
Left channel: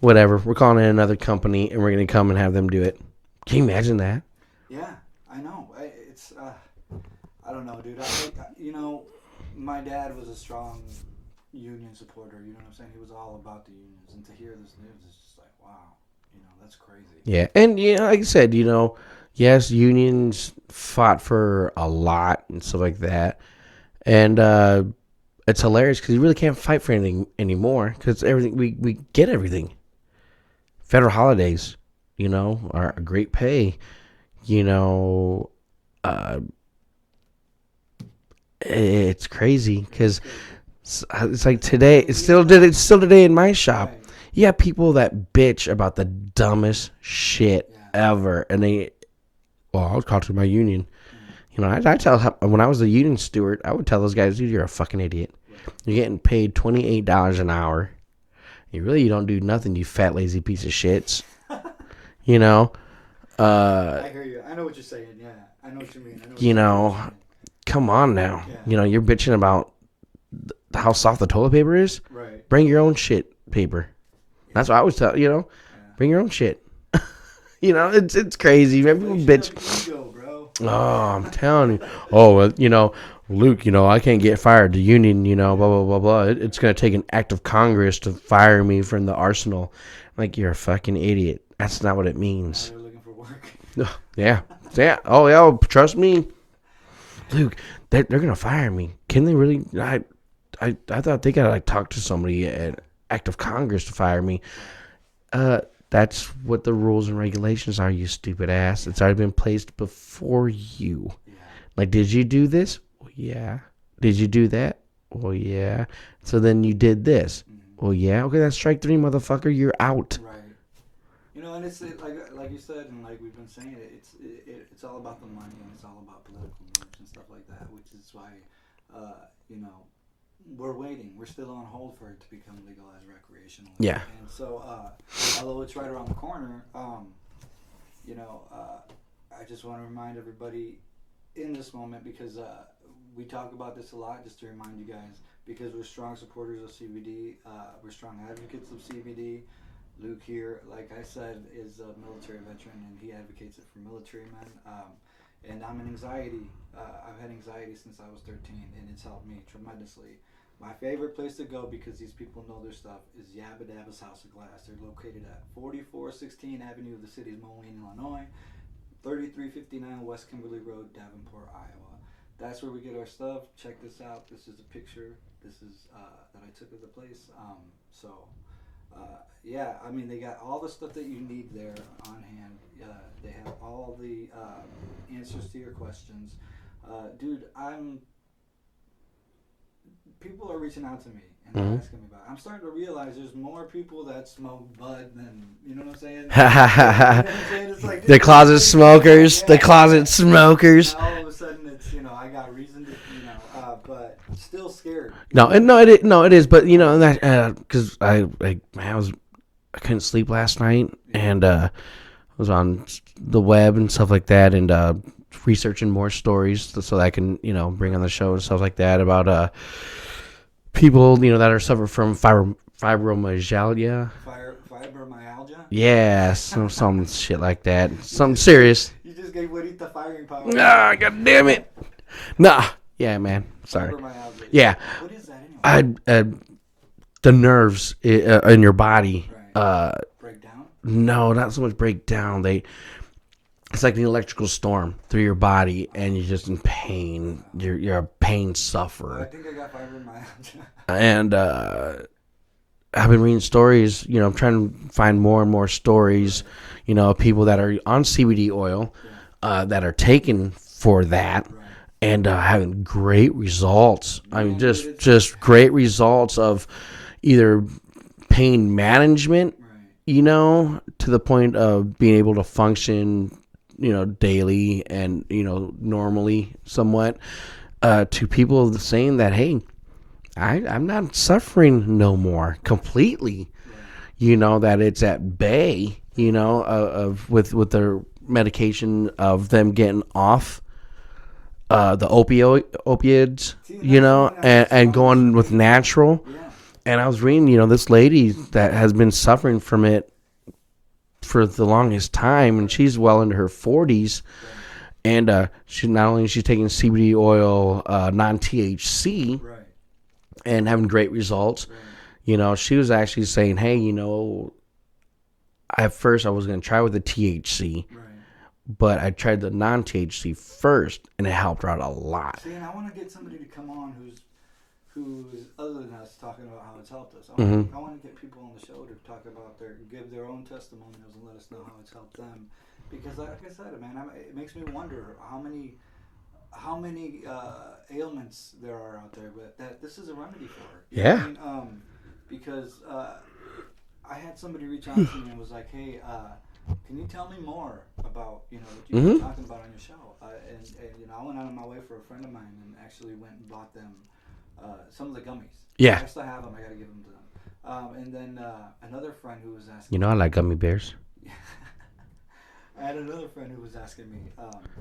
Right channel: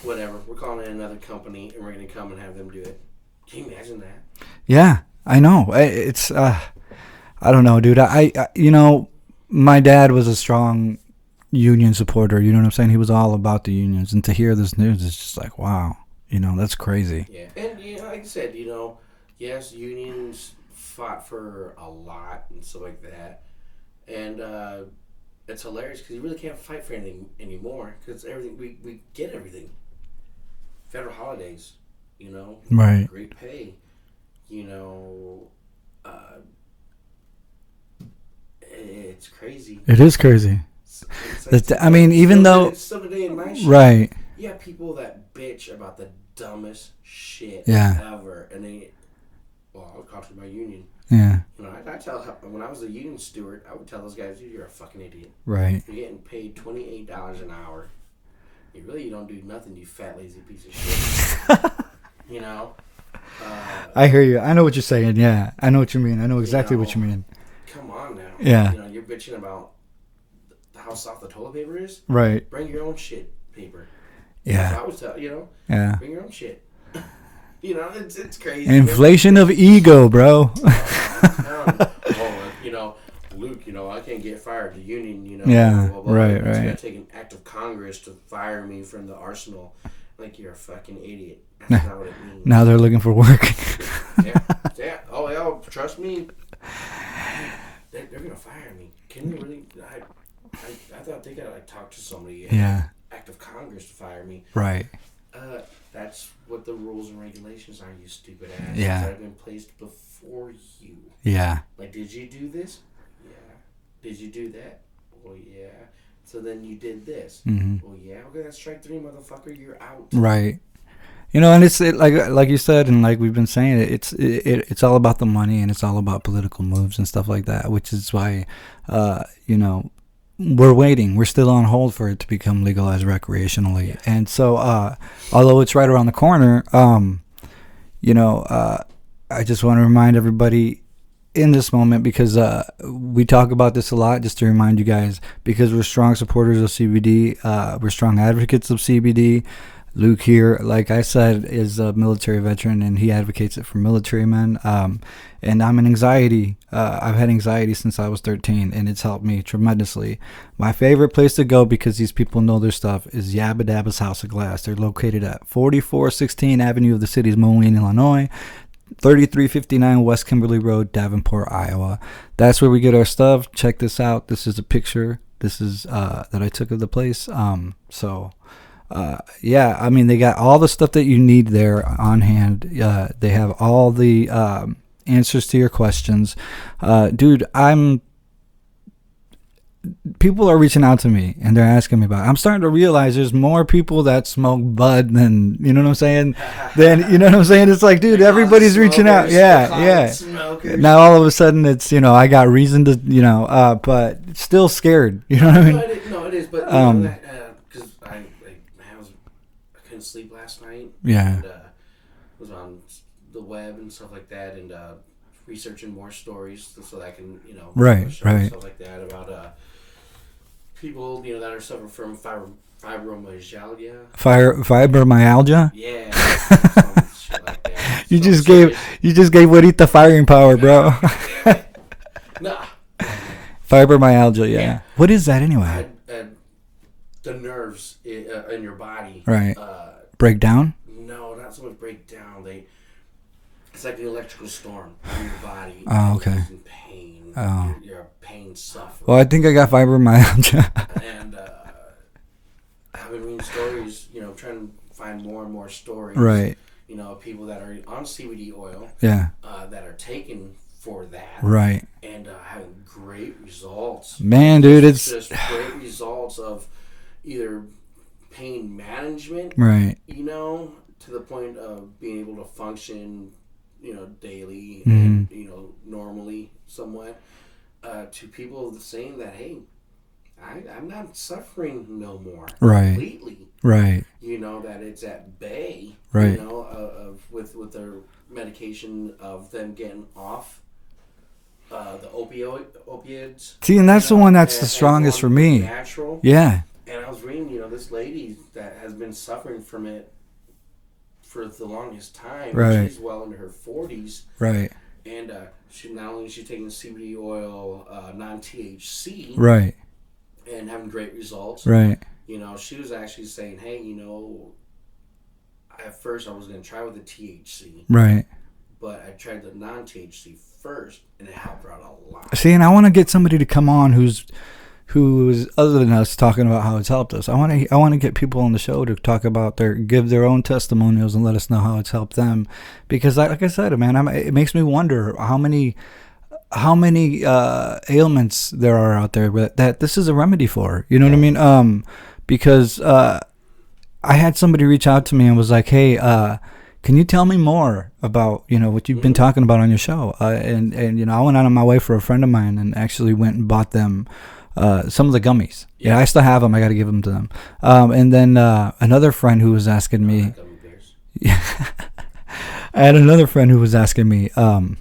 Whatever. We're calling in another company and we're going to come and have them do it. Can you imagine that? Yeah, I know. It's, I don't know, dude. I my dad was a strong union supporter. You know what I'm saying? He was all about the unions. And to hear this news is just like, wow. That's crazy. Yeah. And, like I said, yes, unions fought for a lot and stuff like that. And it's hilarious because you really can't fight for anything anymore because everything we get everything. Federal holidays, Right. great pay, it's crazy. It is crazy. It's like today. It's still today in my shop. Right. You have people that bitch about the dumbest shit ever, and I'll talk to my union. Yeah. I tell when I was a union steward, I would tell those guys, dude, you're a fucking idiot. Right. You're getting paid $28 an hour. You don't do nothing, you fat lazy piece of shit. I hear you. I know what you're saying. Yeah, I know what you mean. I know exactly what you mean. Come on now. Yeah. You're bitching about how soft the toilet paper is. Right. Bring your own shit paper. Yeah. That's what I always tell Yeah. Bring your own shit. It's crazy. Inflation of ego, bro. Oh, I'm telling you. Oh, well, Luke, I can't get fired. The union, blah, blah, blah, blah. Right, it's going to take an act of Congress to fire me from the arsenal. Like, you're a fucking idiot. That's not what it means. Now they're looking for work. Yeah. Oh, yeah. Trust me. Dude, they're going to fire me. Can they really? I thought they got to, talk to somebody. Act of Congress to fire me. Right. That's what the rules and regulations are, you stupid ass. Yeah. It's already been placed before you. Yeah. Like, did you do this? Well, yeah. Did you do that? Well, yeah. So then you did this. Mm-hmm. Well, yeah. Okay, that's strike 3, motherfucker. You're out. Right. And it's like you said, and like we've been saying, it's all about the money, and it's all about political moves and stuff like that, which is why, we're waiting. We're still on hold for it to become legalized recreationally. Yeah. And so, although it's right around the corner, I just want to remind everybody in this moment, because we talk about this a lot, just to remind you guys, because we're strong supporters of CBD. We're strong advocates of CBD. Luke here, like I said, is a military veteran, and he advocates it for military men. And I'm an anxiety. I've had anxiety since I was 13, and it's helped me tremendously. My favorite place to go, because these people know their stuff, is Yabba Dabba's House of Glass. They're located at 4416 Avenue of the City's Moline, Illinois, 3359 West Kimberly Road, Davenport, Iowa. That's where we get our stuff. Check this out. This is a picture. This is that I took of the place. They got all the stuff that you need there on hand. They have all the answers to your questions. Dude, people are reaching out to me, and they're asking me about it. I'm starting to realize there's more people that smoke bud than, you know what I'm saying? You know what I'm saying? It's like, dude, the closet everybody's smokers, reaching out. the closet smokers. Now all of a sudden it's, I got reason to, but still scared. It is. But because I couldn't sleep last night, and was on the web and stuff like that, and researching more stories so that I can bring on the show and stuff like that about people that are suffering from fibromyalgia. Fibromyalgia. Some shit like that. You just gave Juanita firing power, bro. God damn it. Nah. Yeah, man. Fibromyalgia. Yeah. What is that anyway? The nerves in your body. Right. Break down? No, not so much break down. It's like the electrical storm through your body, and you're just in pain. You're a pain sufferer. Well, I think I got fibromyalgia. And I've been reading stories. I'm trying to find more and more stories. Right. Of people that are on CBD oil. Yeah. That are taken for that. Right. And having great results. Man, dude, it's just great results of either pain management. Right. To the point of being able to function daily and normally somewhat, to people saying that, hey, I'm not suffering no more completely. Right. That it's at bay. Right. With their medication, of them getting off the opiates. See, and that's the one that's the strongest and going for me. With natural. Yeah. And I was reading, this lady that has been suffering from it for the longest time, and she's well into her 40s. Right. And she's taking CBD oil, non-THC. Right. And having great results. Right. She was actually saying, hey, at first I was going to try with the THC. Right. but I tried the non-THC first, and it helped her out a lot. See, and I want to get somebody to come on who's other than us talking about how it's helped us. I want to get people on the show to talk about give their own testimonials and let us know how it's helped them, because like I said, man, it makes me wonder how many ailments there are out there that this is a remedy for. You know what I mean? Because I had somebody reach out to me and was like, "Hey, can you tell me more about what you've been talking about on your show?" And I went out on my way for a friend of mine and actually went and bought them some of the gummies. Yeah, I still have them. I got to give them to them. And then another friend who was asking me, I like gummy bears. Yeah, I had another friend who was asking me, what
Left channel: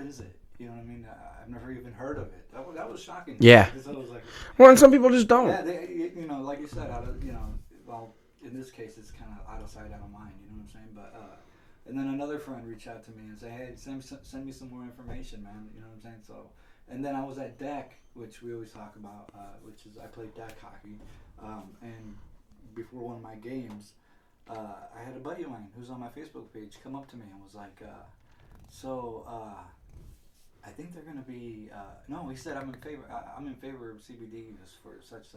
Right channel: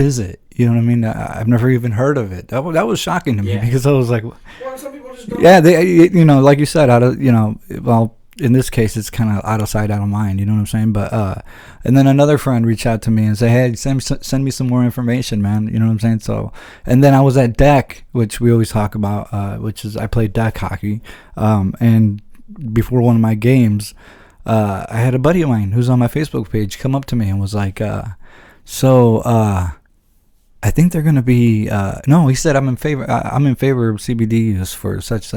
is it? You know what I mean? I've never even heard of it. That was shocking to me, because I was like, well, and some people just don't. Yeah, they, like you said, well, in this case, it's kind of out of sight, out of mind. You know what I'm saying? But and then another friend reached out to me and said, "Hey, send me some more information, man." You know what I'm saying? So, and then I was at deck, which we always talk about, which is I played deck hockey, and before one of my games, I had a buddy of mine who's on my Facebook page come up to me and was like, I think they're gonna be no. He said I'm in favor of CBD use for such.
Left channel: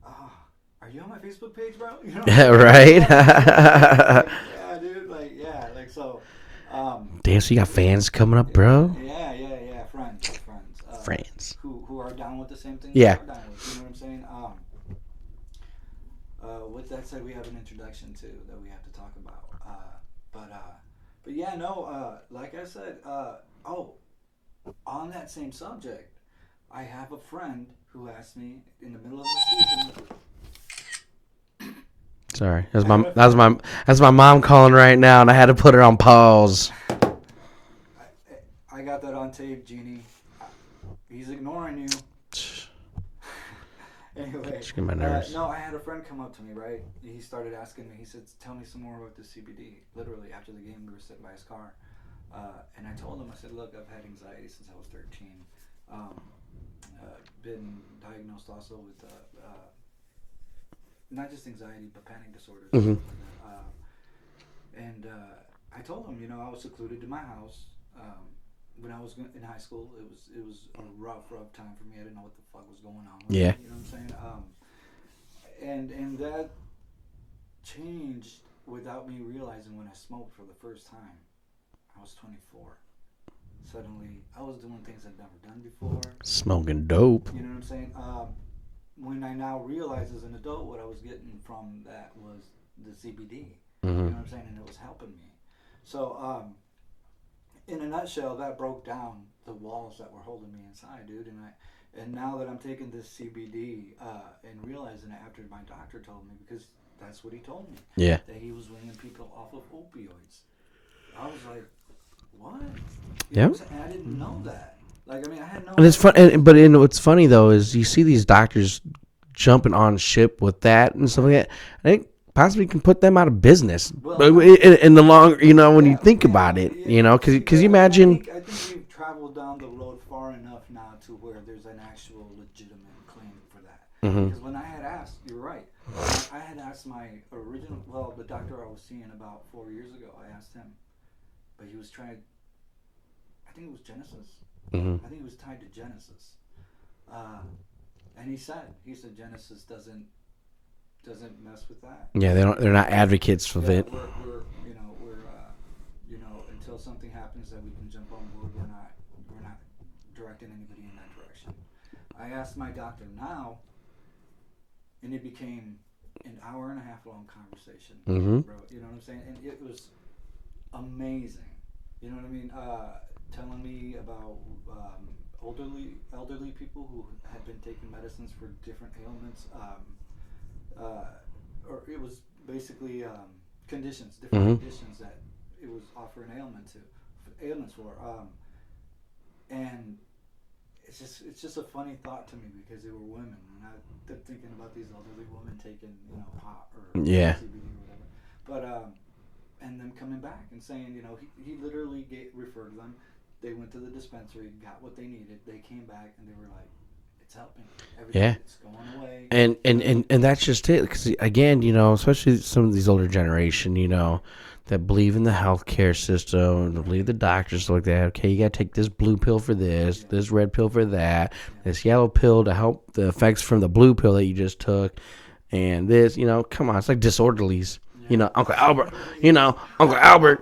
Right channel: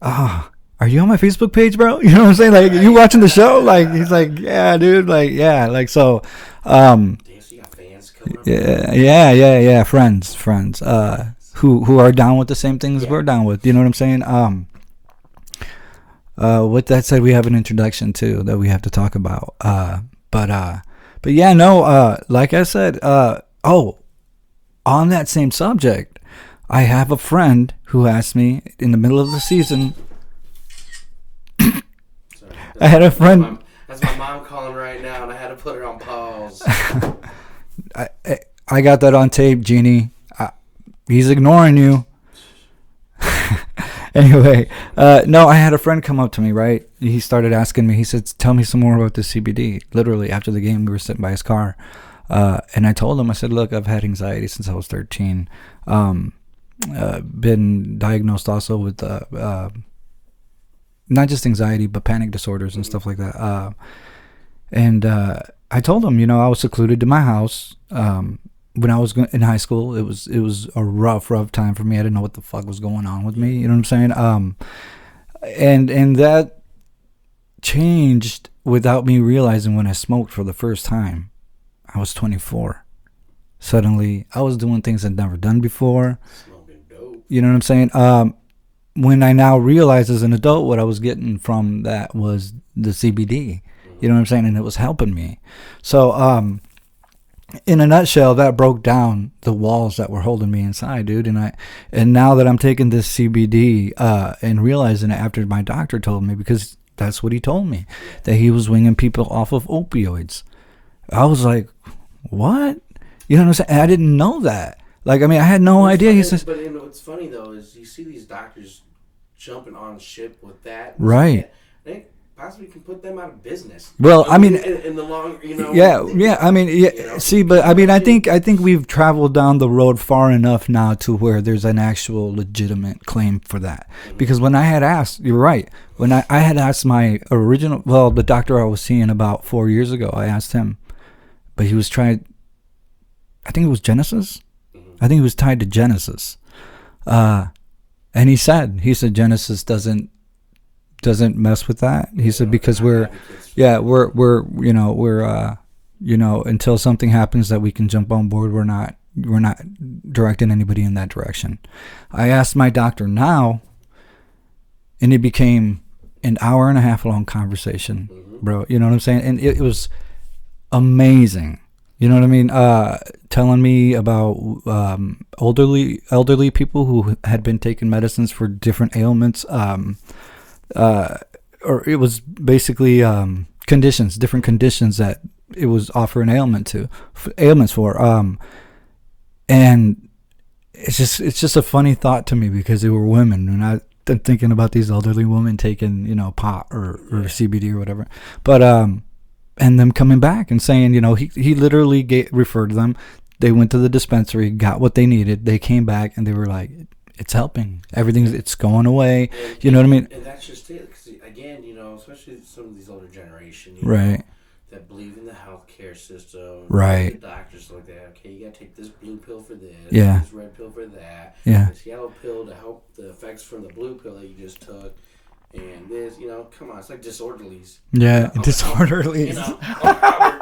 Are you on my Facebook page, bro? You know what I'm saying? Like, right? You watching the show? Like, he's like, yeah, dude. Like, yeah, like so. Damn, so you got fans coming up, bro? Yeah. Friends. Who are down with the same things we're down with. You know what I'm saying? With that said, we have an introduction too that we have to talk about. But yeah, no. Like I said, on that same subject, I have a friend who asked me in the middle of the season. Sorry, that's my mom calling right now, and I had to put her on pause. I got that on tape, Jeannie. He's ignoring you. Anyway, no, I had a friend come up to me, right? He started asking me. He said, "Tell me some more about the CBD." Literally, after the game, we were sitting by his car. And I told him, I said, "Look, I've had anxiety since I was 13. Been diagnosed also with not just anxiety, but panic disorders and stuff like that." And I told him, I was secluded to my house. When I was in high school, it was a rough time for me. I didn't know what the fuck was going on with me. You know what I'm saying? And that changed without me realizing when I smoked for the first time. I was 24. Suddenly, I was doing things I'd never done before. Smoking dope. You know what I'm saying? When I now realize as an adult what I was getting from that was the CBD. You know what I'm saying? And it was helping me. So, in a nutshell, that broke down the walls that were holding me inside, dude. And now that I'm taking this CBD and realizing it after my doctor told me, because that's what he told me, that he was winging people off of opioids. I was like, what? You know what I'm saying? I didn't know that. Like, I mean, I had no idea. But what's funny, though, is you see these doctors jumping on ship with that. And right. I think possibly can put them out of business. Well, I mean, in the long, when you think about it. See, but I mean, I think we've traveled down the road far enough now to where there's an actual legitimate claim for that. Because when I had asked, you're right. When I had asked my the doctor I was seeing about 4 years ago, I asked him, but he was trying. I think it was Genesis. I think he was tied to Genesis. And he said Genesis doesn't mess with that. Yeah, he said because we're advocates for that. Yeah, we're until something happens that we can jump on board, we're not directing anybody in that direction. I asked my doctor now, and it became an hour and a half long conversation, bro. You know what I'm saying? And it was amazing. You know what I mean? Telling me about elderly people who had been taking medicines for different ailments, or it was basically conditions, different conditions that it was offering ailments for. And it's just a funny thought to me because they were women, and I'm thinking about these elderly women taking pot or CBD or whatever, but and them coming back and saying, he literally referred them. They went to the dispensary, got what they needed. They came back and they were like, it's helping. Everything, it's going away. And you know what I mean? And that's just it. Because again, especially some of these older generation, that believe in the healthcare system, right? The doctors like that. Okay, you got to take this blue pill for this, yeah. this red pill for that, yeah. this yellow pill to help the effects from the blue pill that you just took, and this, come on, it's like disorderlies. Yeah, Uncle disorderlies. Albert, Uncle Albert,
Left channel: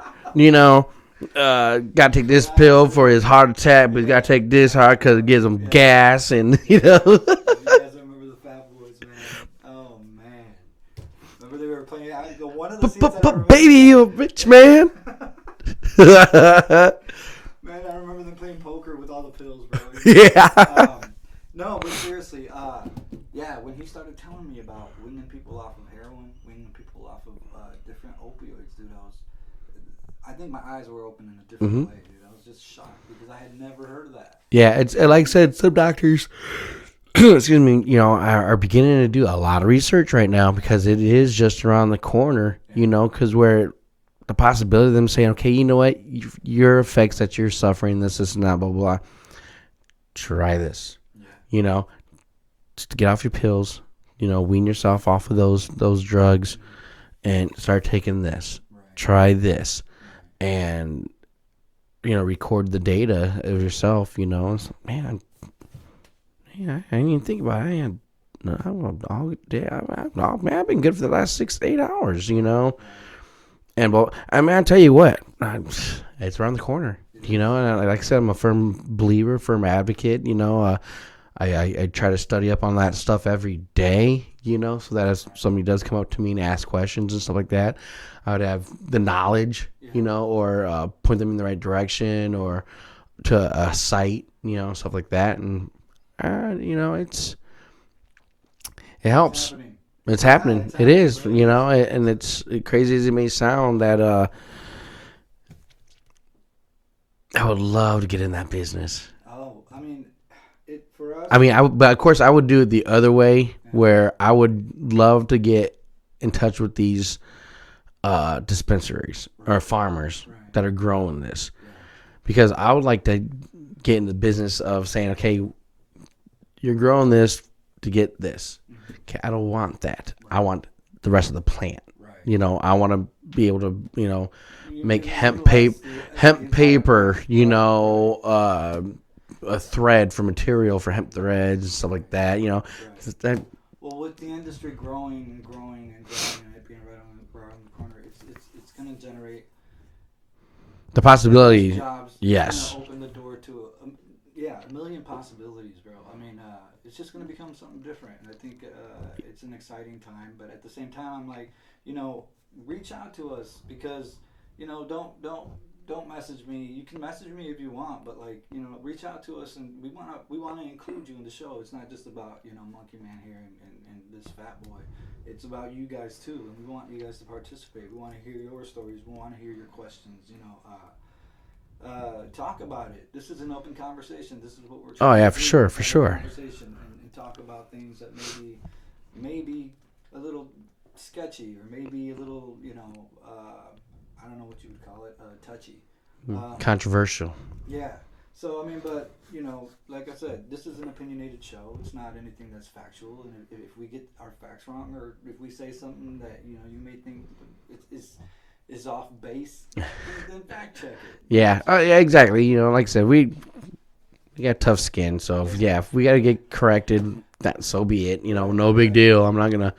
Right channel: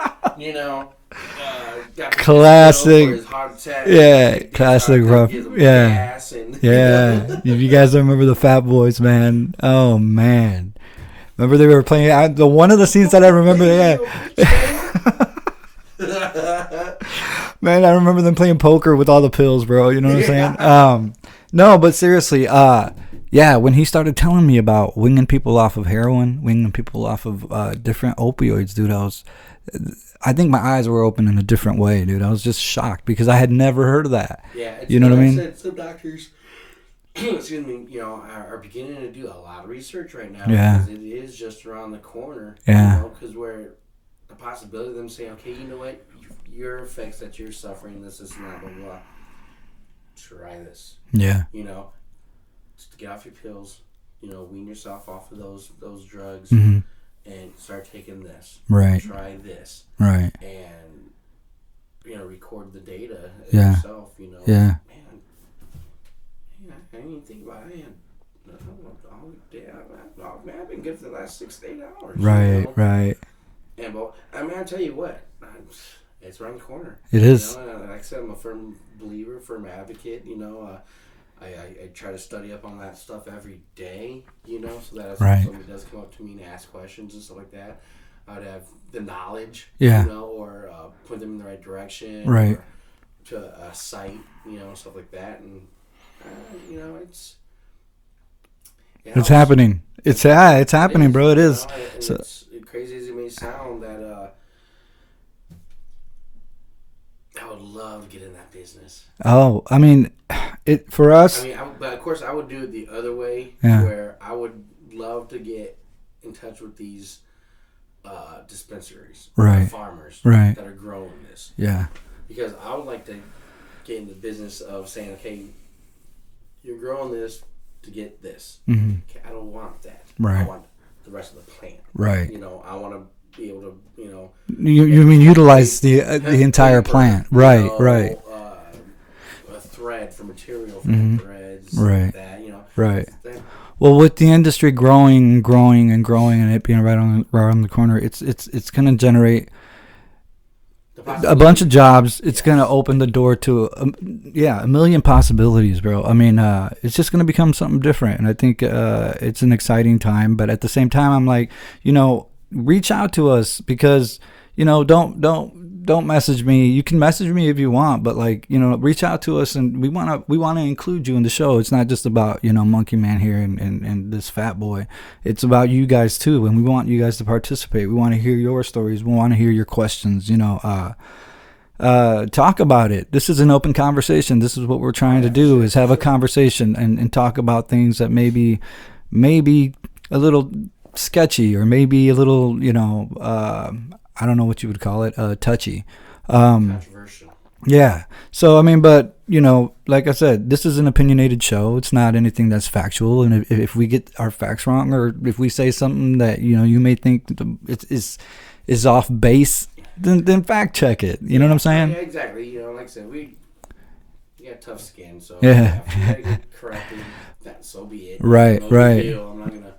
got to take this pill for his heart attack, but you got to take this heart because it gives him gas, and You guys remember the Fat-Boys, man? Oh man. Remember they were playing one of the scenes that I remember. Baby, you a bitch, man. Man, I remember them playing poker with all the pills, bro. You know what I'm saying? No, but seriously, when he started telling me about winging people off of heroin, winging people off of different opioids, dude, I think my eyes were open in a different way, dude. I was just shocked because I had never heard of that. Yeah, it's, like I said, some doctors excuse me, are beginning to do a lot of research right now because it is just around the corner, because where the possibility of them saying, okay, you know what, your effects that you're suffering, this and that, blah, blah, blah, try this. Yeah. Just to get off your pills, wean yourself off of those drugs and start taking this. Right. Try this. Right. And, record the data yourself, man, I didn't even think about it. I've been good for the last 6 to 8 hours, Right. And, I tell you what, it's around the corner. It is. And like I said, I'm a firm believer, firm advocate, I try to study up on that stuff every day, so that if somebody does come up to me and ask questions and stuff like that, I would have the knowledge, or point them in the right direction or to a site, stuff like that. And, it helps. It's happening. It's happening, bro. It is. And it's crazy as it may sound that I would love to get in that business. Oh, I mean, for us. I mean, but of course, I would do it the other way, where I would love to get in touch with these dispensaries or farmers that are growing this. Yeah. Because I would like to get in the business of saying, okay, you're growing this to get this. Mm-hmm. Okay, I don't want that. Right. I want the rest of the plant. Right. I want to be able to, you utilize the entire plant. Right. A thread for material for hemp threads, like that. Right. Well, with the industry growing and growing and it being right around the corner, it's going to generate the possibility, a bunch of jobs. It's going to open the door to a million possibilities, bro. I mean, it's just going to become something different, and I think it's an exciting time. But at the same time, I'm like, reach out to us because don't message me. You can message me if you want, but reach out to us, and we want to include you in the show. It's not just about Monkey Man here and this fat boy. It's about you guys too, and we want you guys to participate. We want to hear your stories. We want to hear your questions. Talk about it. This is an open conversation. This is what we're trying to do is have a conversation and talk about things that maybe a little sketchy or maybe a little I don't know what you would call it, touchy. Controversial. Yeah. So, I mean, but, like I said, this is an opinionated show. It's not anything that's factual. And if we get our facts wrong or if we say something that, you may think is off base, then fact check it. You know what I'm saying? Yeah, exactly. Like I said, we got tough skin. So, if we got to get corrected, that so be it. No big deal. I'm not going to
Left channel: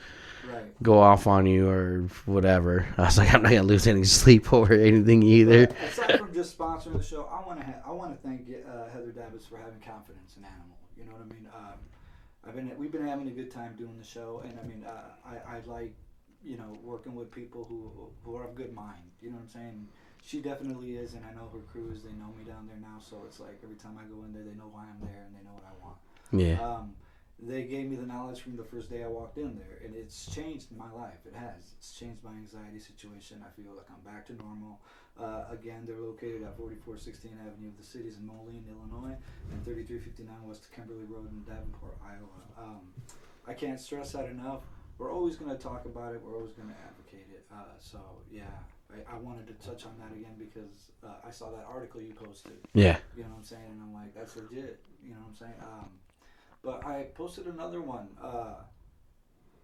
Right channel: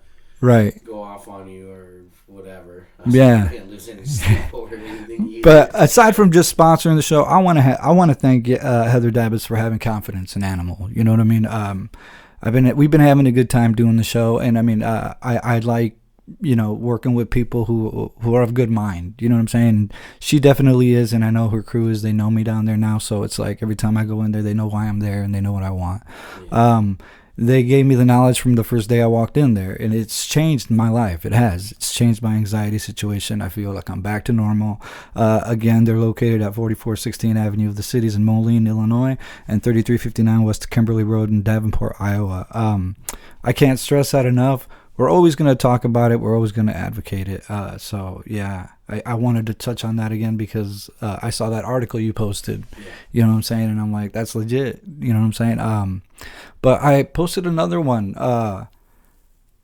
go off on you or whatever. I'm not gonna lose any sleep over anything either. But aside from just sponsoring the show, I want to thank Heather Dabbits for having confidence in Animal. You know what I mean? We've been having a good time doing the show, and I mean, I like working with people who are of good mind. You know what I'm saying? She definitely is, and I know her crew is. They know me down there now, so it's like every time I go in there, they know why I'm there and they know what I want. Yeah. They gave me the knowledge from the first day I walked in there, and it's changed my life. It has. It's changed my anxiety situation. I feel like I'm back to normal. Again, they're located at 4416 Avenue of the Cities in Moline, Illinois, and 3359 West Kimberly Road in Davenport, Iowa. I can't stress that enough. We're always going to talk about it. We're always going to advocate it. I wanted to touch on that again because I saw that article you posted. Yeah. You know what I'm saying? And I'm like, that's legit. You know what I'm saying? But I posted another one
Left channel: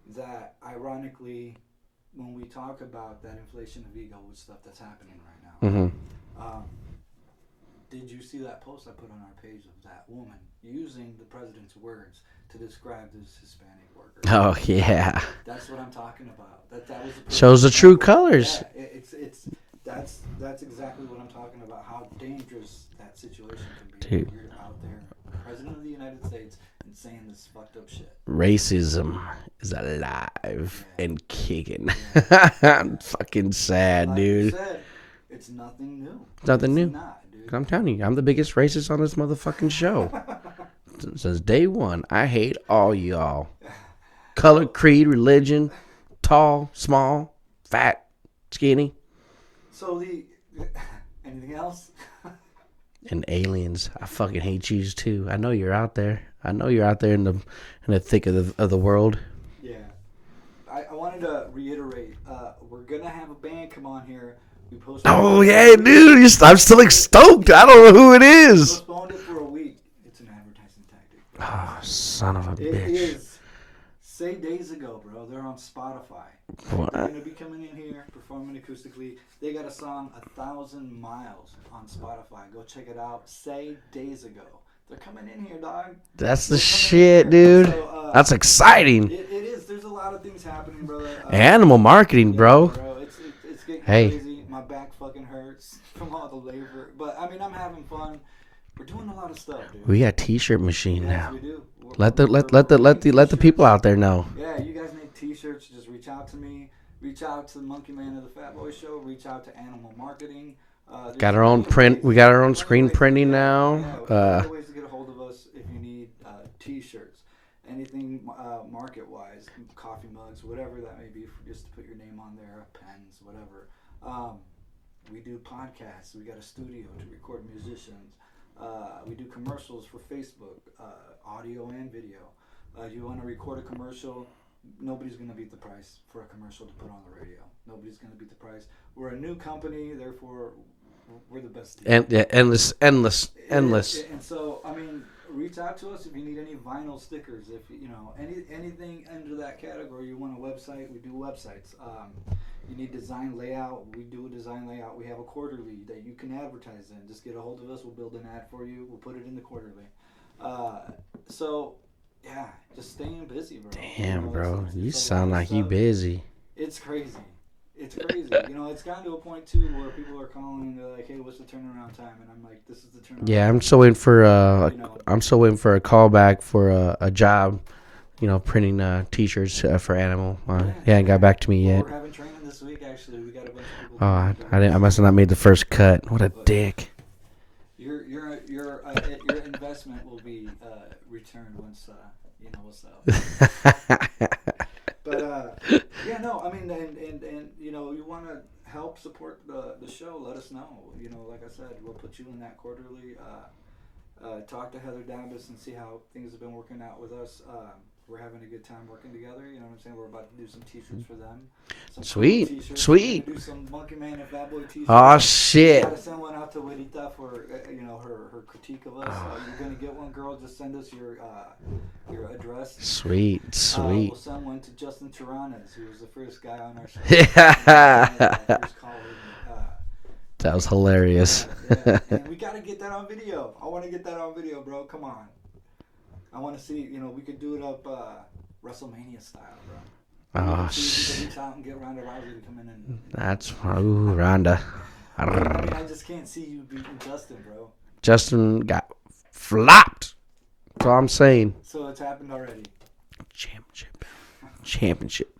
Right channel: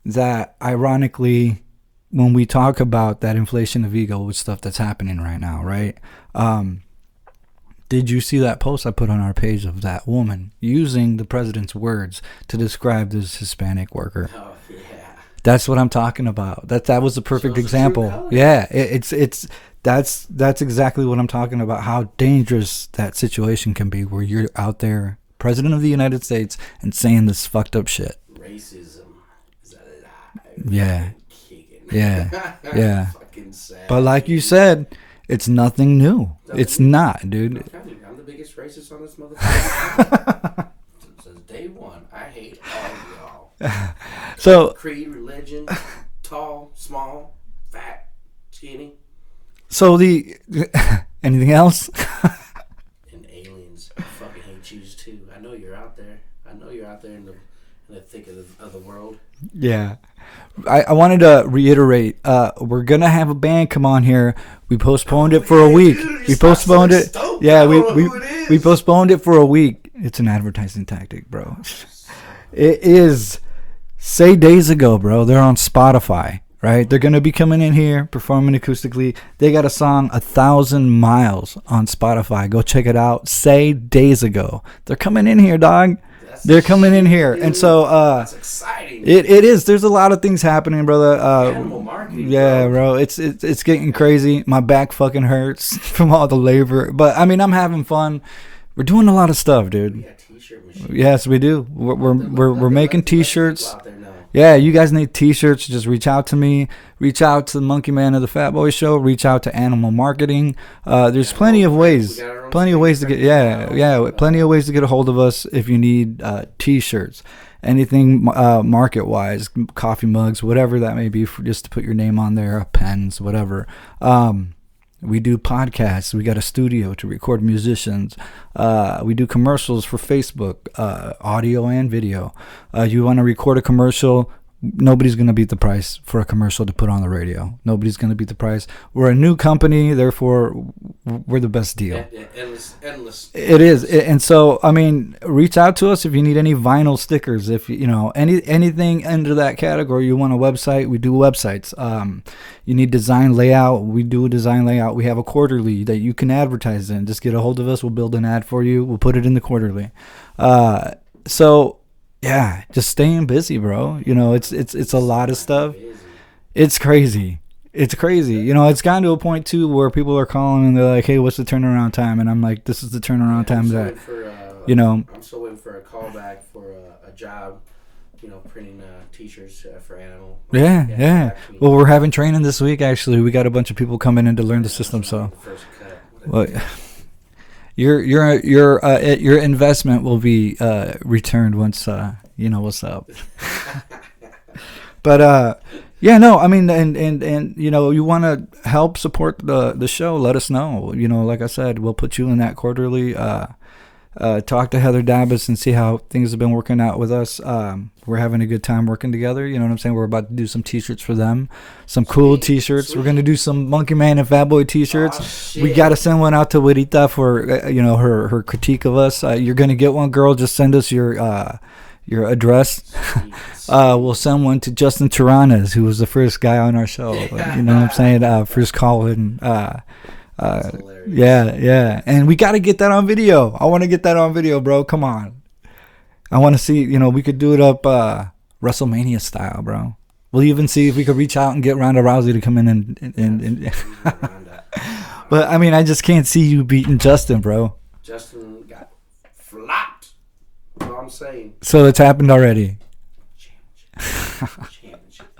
that ironically when we talk about that inflation of ego with stuff that's happening right now, right? Did you see that post I put on our page of that woman using the president's words to describe this Hispanic worker? Oh yeah, that's what I'm talking about. That was the perfect shows example. The true colors. Yeah, that's exactly what I'm talking about. How dangerous that situation can be, where you're out there, president of the United States, and saying this fucked up shit. Racism is alive and kicking. Yeah, yeah. Fucking sad. But like you said, it's nothing new. It's not, dude. I'm telling you, I'm the biggest racist on this motherfucking show. Since day one, I hate all y'all. Color, creed, religion, tall, small, fat, skinny. So anything else? And aliens. I fucking hate you too. I know you're out there. I know you're out there in the thick of the world. Yeah. I wanted to reiterate, we're going to have a band come on here. We postponed it for a week. Dude, I'm still stoked. Yeah, I don't know who it is. We postponed it for a week. It's an advertising tactic, bro. Oh, son of a bitch. It is. Say Days Ago, bro. They're on Spotify, right? They're going to be coming in here, performing acoustically. They got a song, 1,000 Miles, on Spotify. Go check it out. Say Days Ago. They're coming in here, dog. They're coming in here. Dude. And so that's exciting. It is. There's a lot of things happening, brother. Animal marketing, yeah, bro. It's getting crazy. My back fucking hurts from all the labor. But I mean, I'm having fun. We're doing a lot of stuff, dude. We got t-shirt machine. Yes, we do. We're making t-shirts. Let the people out there know. Yeah, you guys need t-shirts. Just reach out to me. Reach out to the Monkey Man of the Fatboy Show. Reach out to Animal Marketing. There's plenty of ways. We got our own plenty screen of ways printing now. plenty of ways to get a hold of us if you need t-shirts. Anything market-wise, coffee mugs, whatever that may be, just to put your name on there, pens, whatever. We do podcasts. We got a studio to record musicians. We do commercials for Facebook, audio and video. You want to record a commercial, nobody's going to beat the price for a commercial to put on the radio. Nobody's going to beat the price. We're a new company, therefore we're the best deal. Endless. It is. And so, I mean, reach out to us if you need any vinyl stickers. If you know anything under that category, you want a website, we do websites. You need design layout, we do a design layout. We have a quarterly that you can advertise in. Just get a hold of us. We'll build an ad for you. We'll put it in the quarterly. So yeah, just staying busy, bro. Damn, you know, bro. it's a lot of stuff. Busy. It's crazy. It's crazy. You know, it's gotten to a point too where people are calling and they're like, "Hey, what's the turnaround time?" And I'm like, "This is the turnaround time." I'm still waiting for I'm still waiting for a call back for a job. You know, printing t-shirts for Animal. Yeah. Got back to me. Well, we're having training this week. Actually, we got a bunch of people coming in to learn. I must have not made the first cut. What a dick. Your investment will be returned once you know what's up. But yeah, no, I mean, and you know, you want to help support the show, let us know. You know, like I said, we'll put you in that quarterly. Talk to Heather Dabbis and see how things have been working out with us. We're having a good time working together. You know what I'm saying? We're about to do some t-shirts for them. Some cool t-shirts. We're going to do some Monkey Man and Fatboy t-shirts. Oh, shit. We got to send one out to Widita for, her critique of us. You're going to get one, girl. Just send us your address. Sweet. We'll send one to Justin Taranas, who was the first guy on our show. You know what I'm saying? First call in. That was hilarious. Yeah. And we got to get that on video. I want to get that on video, bro. Come on. I want to see, we could do it up WrestleMania style, bro. We'll even see if we could reach out and get Ronda Rousey to come in and Ronda. I mean, I just can't see you beating Justin, bro. Justin got flopped. That's all I'm saying. So it's happened already. Championship.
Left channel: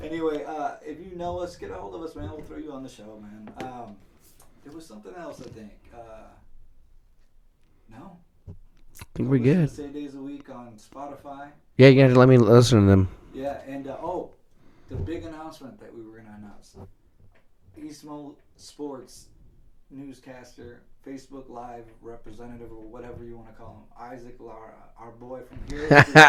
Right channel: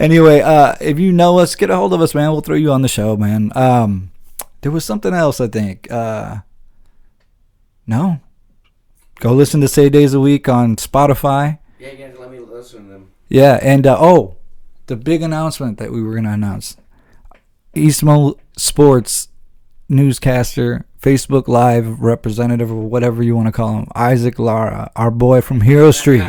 Anyway, if you know us, get a hold of us, man. We'll throw you on the show, man. There was something else, I think. No. Go listen to Say Days a Week on Spotify. Yeah, you got to let me listen to them. Yeah, and the big announcement that we were going to announce. Eastmo Sports newscaster, Facebook Live representative, or whatever you want to call him, Isaac Lara, our boy from Hero Street,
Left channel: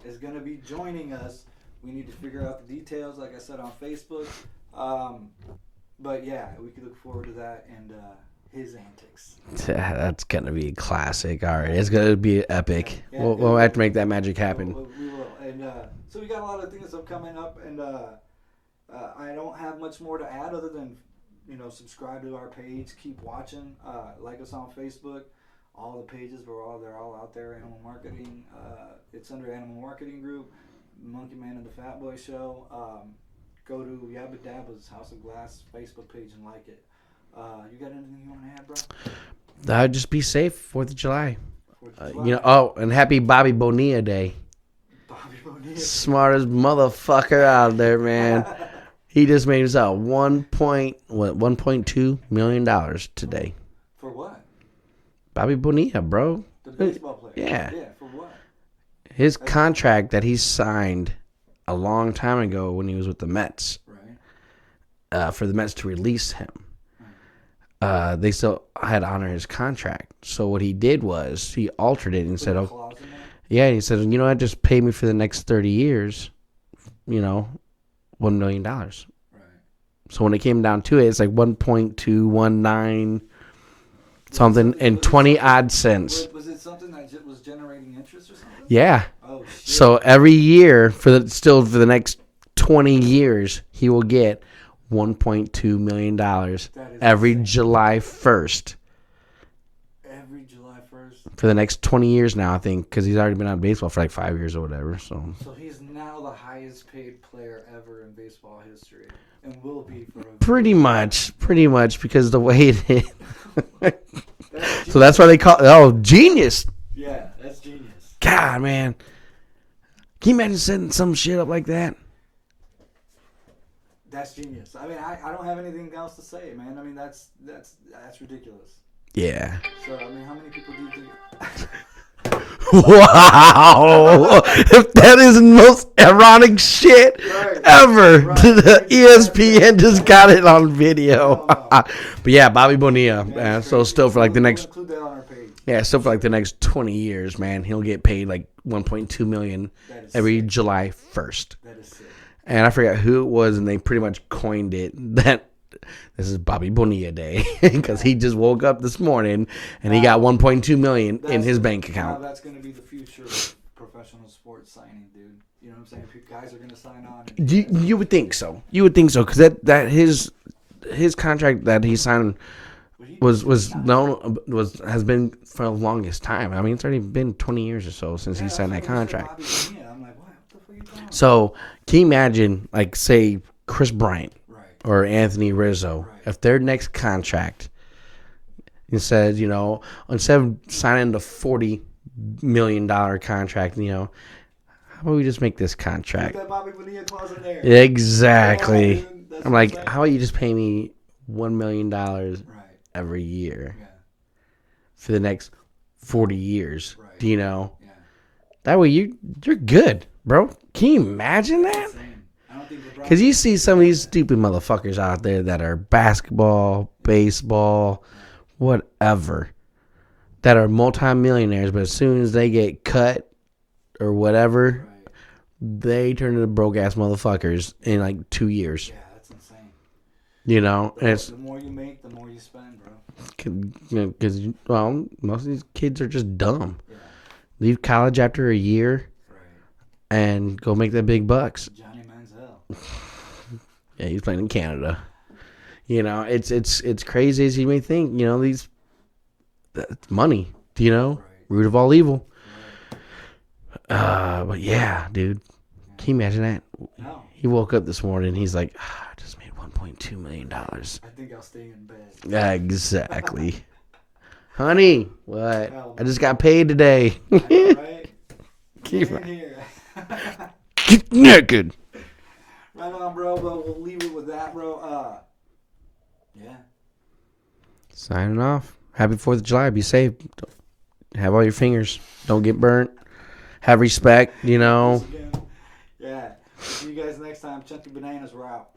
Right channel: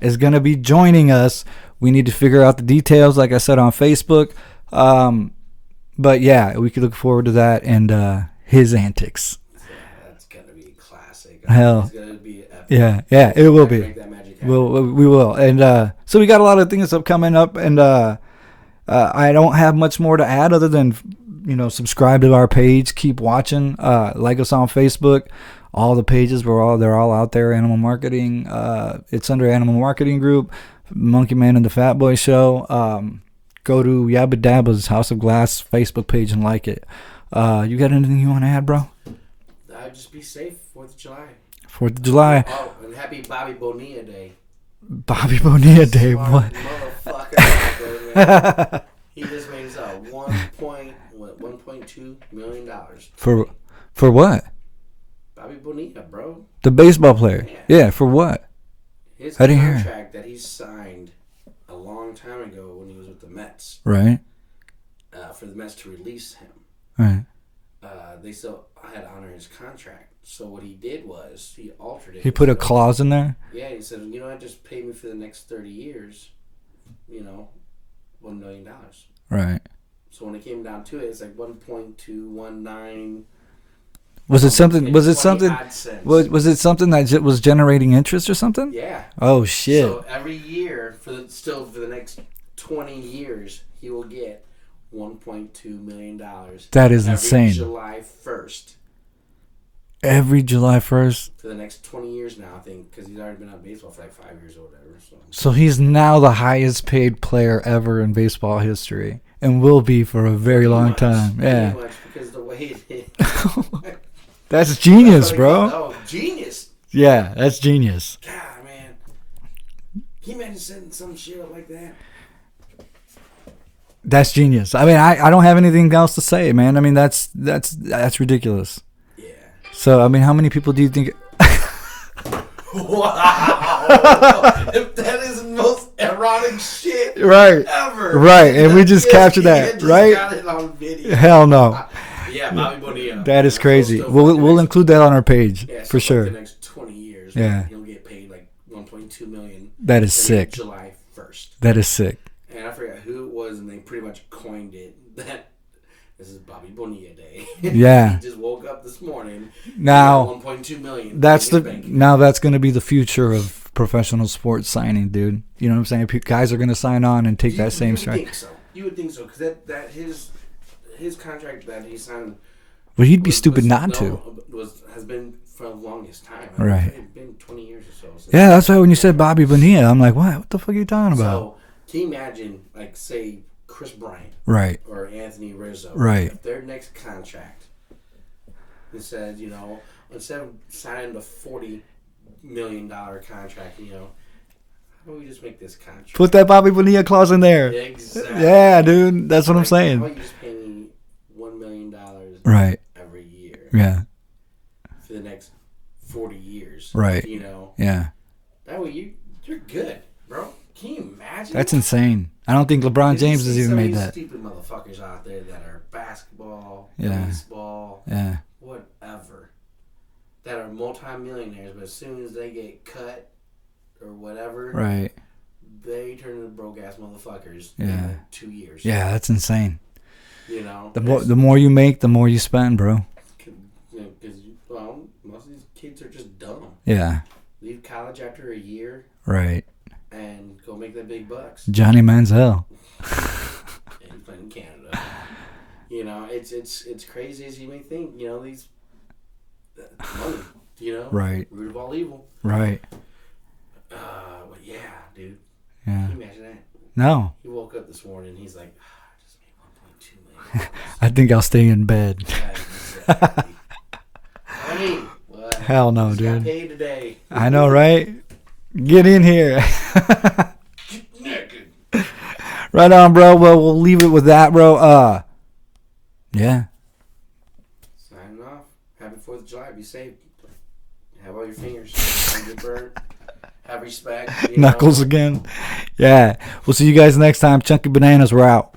is going to be joining us. We need to figure out the details, like I said, on Facebook. But yeah, we could look forward to that and his antics. That's gonna be a classic. Hell. It's gonna be epic. Yeah, it we'll will have be. to make that magic happen. We will. And so we got a lot of things coming up, and I don't have much more to add other than, subscribe to our page, keep watching, like us on Facebook. All the pages they're all out there. Animal Marketing. It's under Animal Marketing Group. Monkey Man and the Fatboy Show. Go to Yabba Dabba's House of Glass Facebook page and like it. You got anything you want to add, bro? Just be safe. 4th of July. 4th of July. And happy Bobby Bonilla Day. Bobby Bonilla Day. Smartest motherfucker out there, man. He just made himself $1.2 million today. For what? Bobby Bonilla, bro. The baseball player. Yeah, for what? His contract that he signed a long time ago when he was with the Mets. Right. For the Mets to release him. Right. They still had to honor his contract. So what he did was he altered it. He put a clause in there? Yeah, and he said, just pay me for the next 30 years, $1 million. Right. So when it came down to it, it's like 1.219. Was it something? In was 20 it something, odd cents. Was it something that was generating interest or something? Yeah. Oh shit. So every year for the next 20 years, he will get $1.2 million. That is every insane. July 1st. Every July 1st For the next 20 years now, I think, because he's already been on baseball for like 5 years or whatever. So he's now the highest paid player ever in baseball history, and will be for a very long time. Pretty much, because the way it is. That's genius. So that's why they bro. call it. Oh, genius. Yeah, that's genius. God, man. Can you imagine setting some shit up like that? That's genius. I mean, I don't have anything else to say, man. I mean, that's ridiculous. Yeah. So, I mean, how many people do you think? Wow. That is the most ironic shit ever. Right. And we just captured that, just got it on video. Hell no. But yeah, Bobby Bonilla. That is crazy. So We'll include that on our page. Yeah, so for like the next 20 years, man, he'll get paid like $1.2 million. That is every sick. July 1st. That is sick. And I forgot who it was, and they pretty much coined it that this is Bobby Bonilla Day. Yeah. He just woke up this morning and he got $1.2 million in his bank account. Now that's going to be the future of professional sports signing, dude. You know what I'm saying? Guys are going to sign on and take that same. You would think so. You would think so, because that his contract that he signed. Well, he'd be stupid not to. Has been for the longest time. I mean, it's already been 20 years or so since. Yeah, that's why when you said Bobby Bonilla, I'm like, what the fuck are you talking about? So can you imagine, like, say Chris Bryant, right, or Anthony Rizzo, right? If their next contract, it says, instead of signing the $40 million contract, how about we just make this contract? Put that Bobby Bonilla clause in there. Exactly. Yeah, dude. That's what I'm saying. How about you just pay me $1 million every year? Yeah. For the next 40 years. Right. Yeah. That way you're good, bro. Can you imagine That's that? insane. I don't think LeBron James. Because you see some of these stupid motherfuckers out there that are basketball, baseball, whatever, that are multimillionaires, but as soon as they get cut or whatever, right, they turn into broke ass motherfuckers in like 2 years. Yeah, that's insane. The more you make, the more you spend, bro. Because most of these kids are just dumb. Yeah. Leave college after a year. Right. And go make that big bucks. Johnny Manziel. Yeah, he's playing in Canada. It's crazy as you may think. These money. Right. Root of all evil. Right. But yeah, dude. Yeah. Can you imagine that? No. He woke up this morning. He's like, I just made $1.2 million. I think I'll stay in bed. Yeah, exactly. Honey, what? Hell no. I just got paid today. I know, right? Get in here. Get naked. Right on, bro. Well, we'll leave it with that, bro. Yeah. Signing off. Happy 4th of July. Be safe. Have all your fingers. Don't get burnt. Have respect. Knuckles again. Yeah. We'll see you guys next time. Chunky Bananas, we're out.